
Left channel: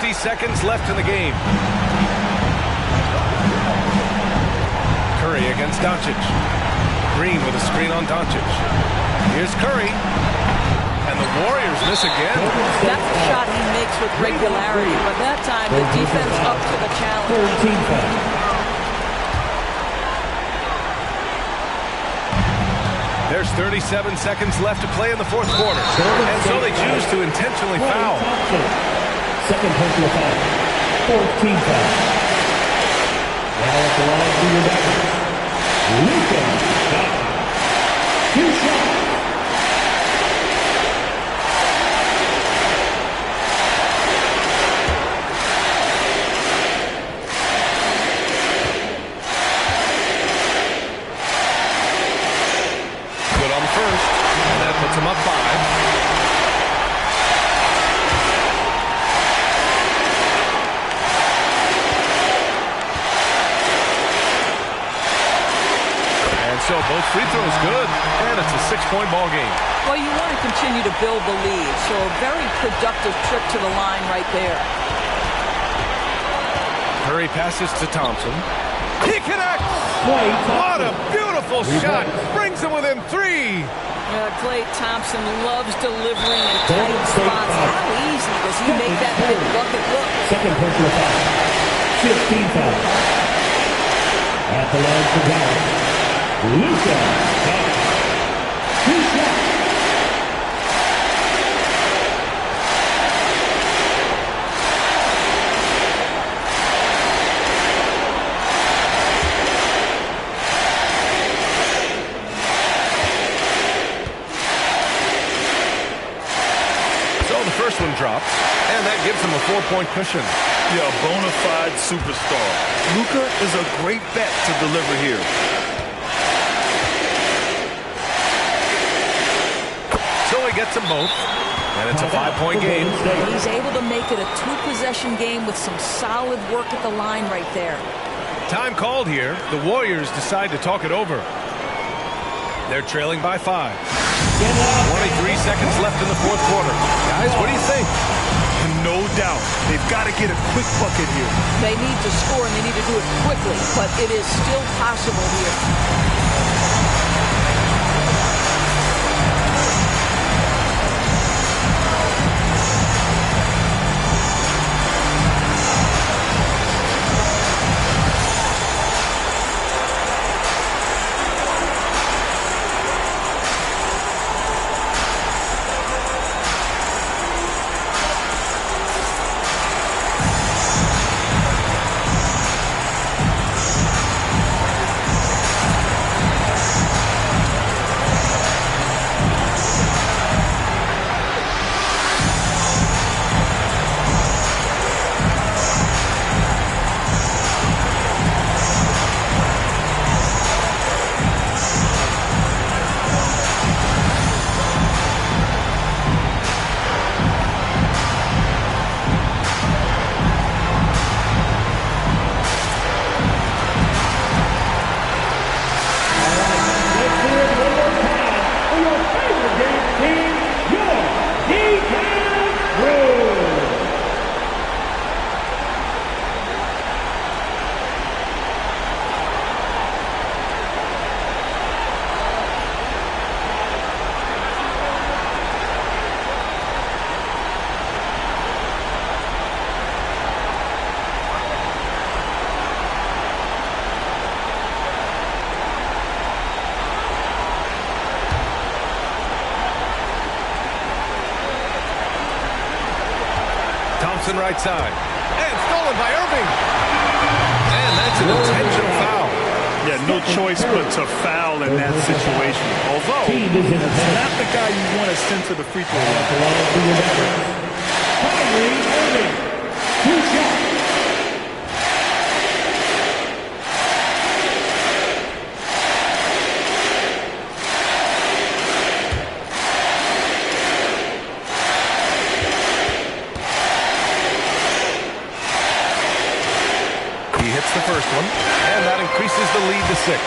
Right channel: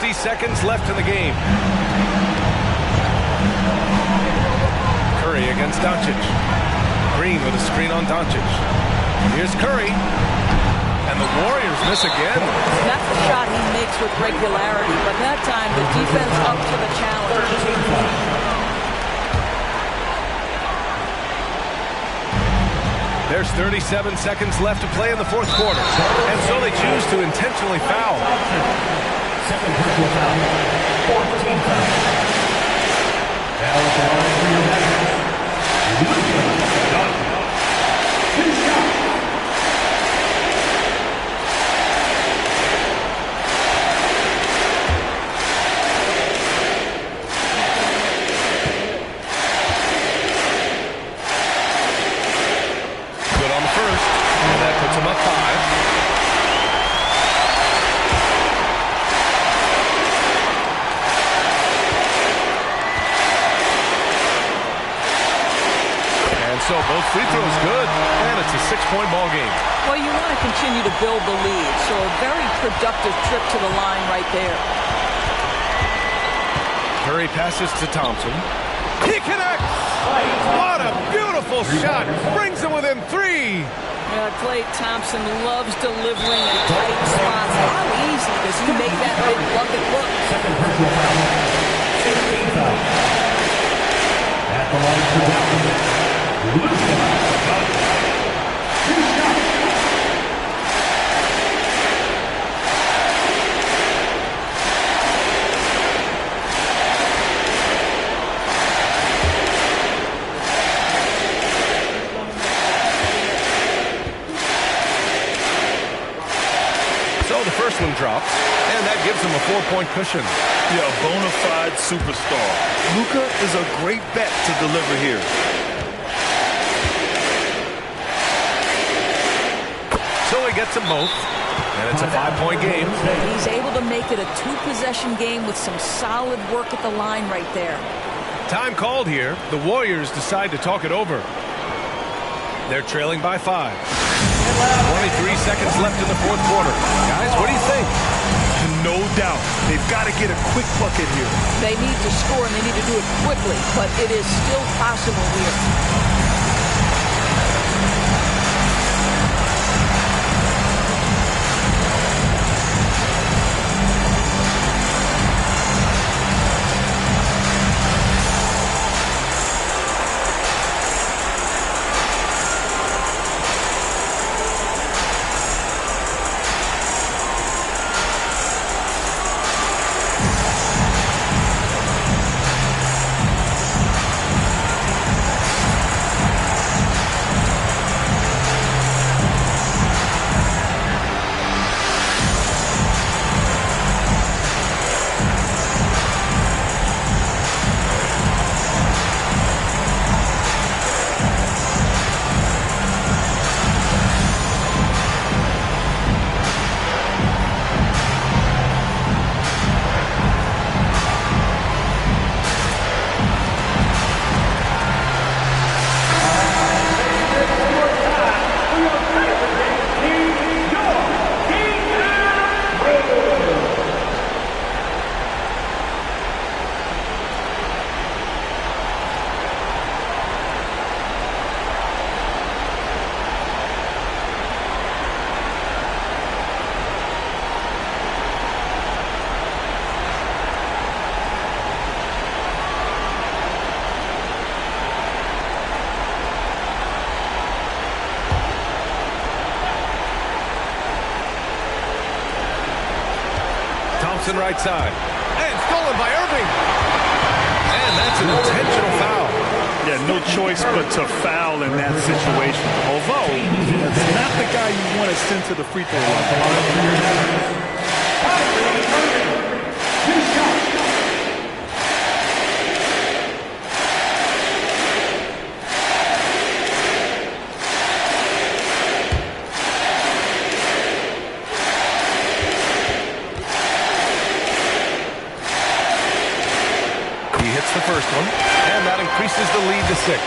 50 seconds left in the game. Curry against Doncic. Green with a screen on Doncic. Here's Curry. And the Warriors miss again. That's a shot he makes with regularity, but that time the defense up to the challenge. There's 37 seconds left to play in the fourth quarter. And so they choose to intentionally foul. Second personal foul. 14 foul. Now at the line for your Mavericks. Luka Doncic. 2 shots. First, and that puts him up 5. And so both free throws good, and it's a 6-point ball game. Well, you want to continue to build the lead, so a very productive trip to the line right there. Curry passes to Thompson. He connects! What a beautiful shot! Brings him within 3. Klay Thompson loves delivering in tight spots. How easy does he make that big bucket look? Second personal foul. 15 foul. At the line for Dallas. Luka Doncic. 2 shots. So the first one drops, and that gives him a 4-point cushion. Yeah, a bona fide superstar. Luka is a great bet to deliver here. So he gets them both, and it's a 5-point game. He's able to make it a 2-possession game with some solid work at the line right there. Time called here. The Warriors decide to talk it over. They're trailing by 5. 23 seconds left in the fourth quarter. Guys, what do you think? No doubt. They've got to get a quick bucket here. They need to score, and they need to do it quickly, but it is still possible here. Thompson right side. And stolen by Irving. And that's an intentional foul. Yeah, no choice but to foul in that situation. Although, it's not the guy you want to send to the free throw line. He hits the first one, and that increases the lead to 6.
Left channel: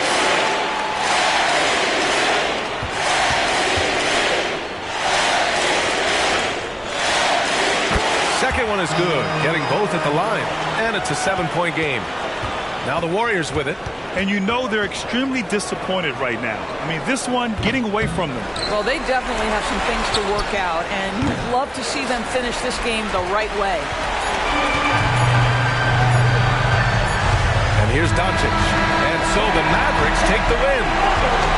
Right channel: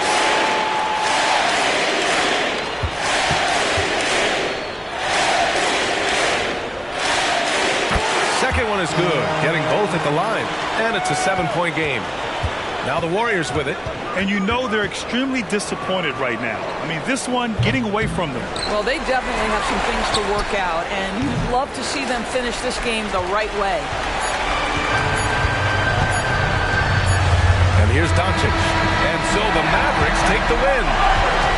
Second one is good, getting both at the line. And it's a 7-point game. Now the Warriors with it. And you know they're extremely disappointed right now. I mean, this one getting away from them. Well, they definitely have some things to work out, and you'd love to see them finish this game the right way. And here's Doncic. And so the Mavericks take the win.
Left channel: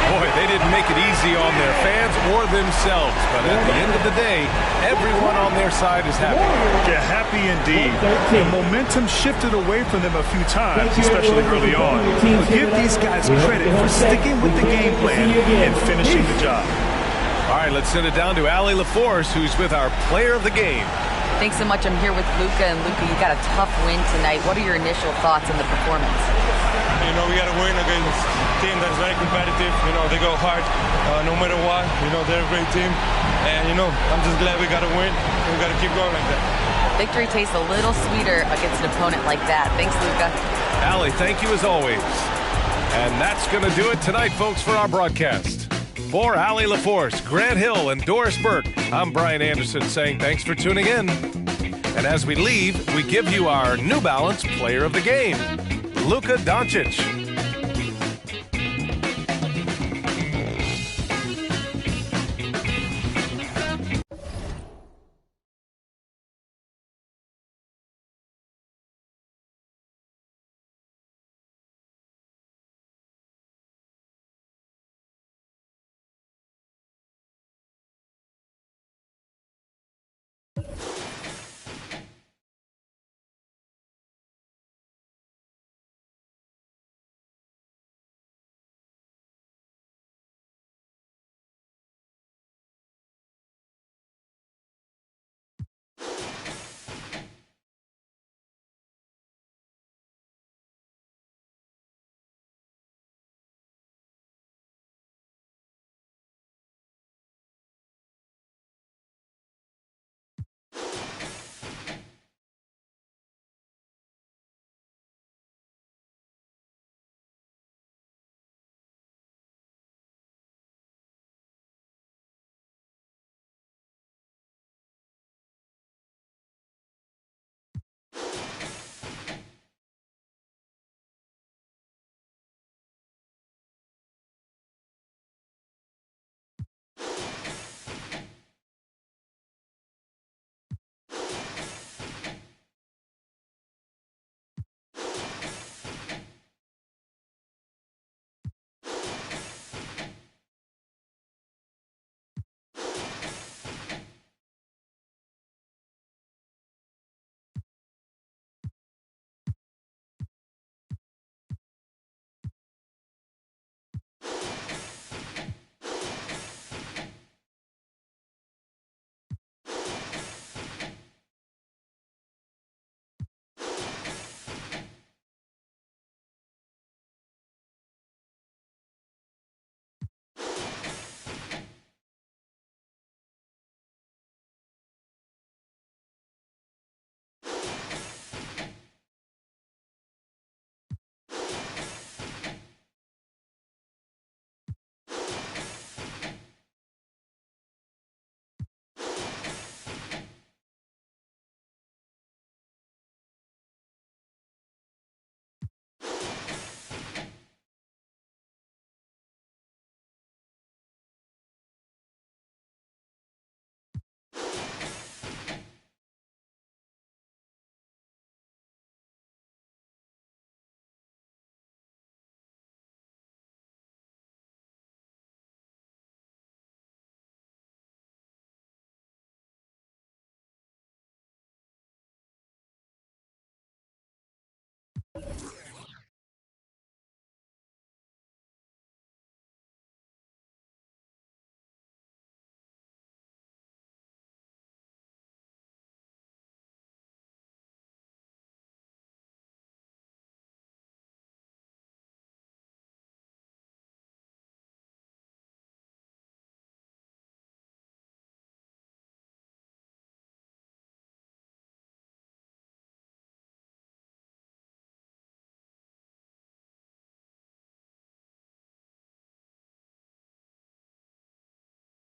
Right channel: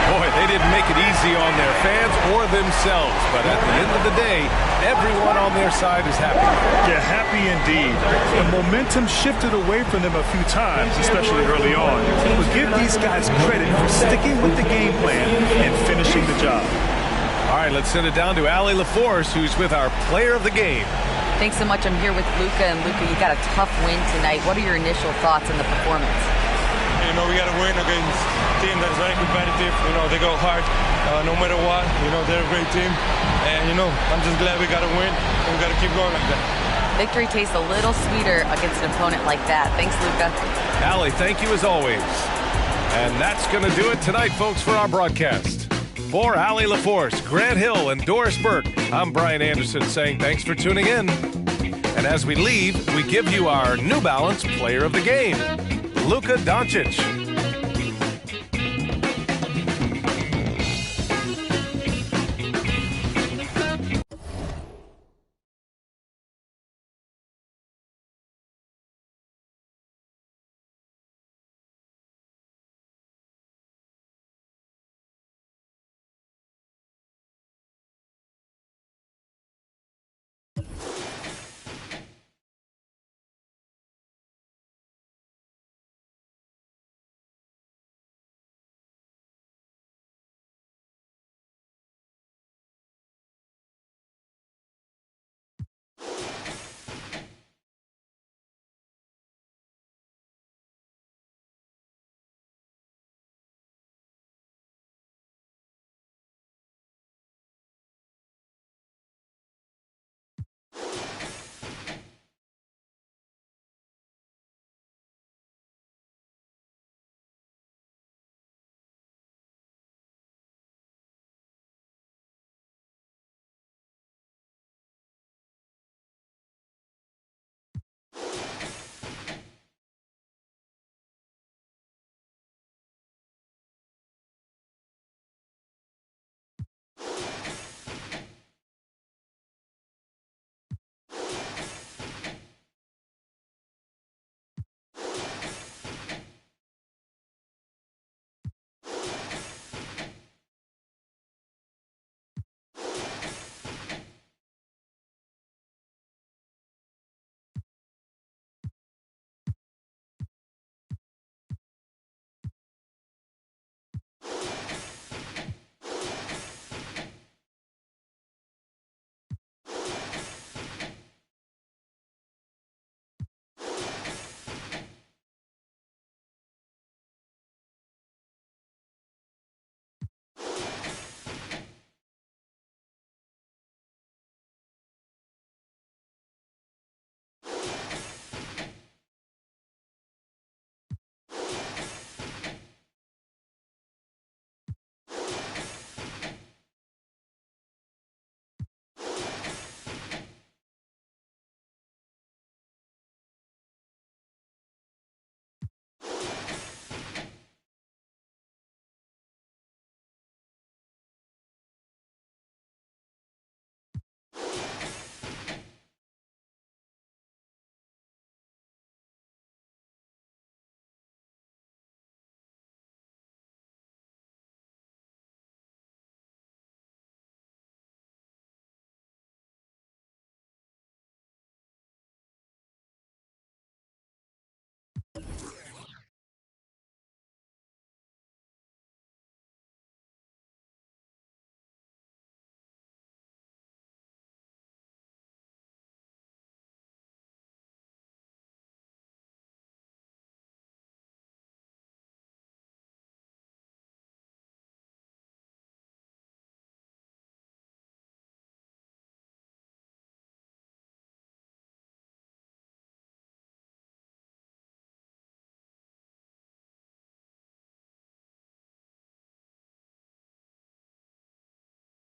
Boy, they didn't make it easy on their fans or themselves. But at the end of the day, everyone on their side is happy. Yeah, happy indeed. The momentum shifted away from them a few times, especially early on. But give these guys credit for sticking with the game plan and finishing the job. All right, let's send it down to Allie LaForce, who's with our player of the game. Thanks so much. I'm here with Luka. And Luka, you got a tough win tonight. What are your initial thoughts on the performance? You know, we got to win against a team that is very competitive. You know, they go hard no matter what. You know, they're a great team. And, you know, I'm just glad we got to win. And we got to keep going like that. Victory tastes a little sweeter against an opponent like that. Thanks, Luka. Allie, thank you as always. And that's going to do it tonight, folks, for our broadcast. For Allie LaForce, Grant Hill, and Doris Burke, I'm Brian Anderson saying thanks for tuning in. And as we leave, we give you our New Balance Player of the Game, Luka Doncic.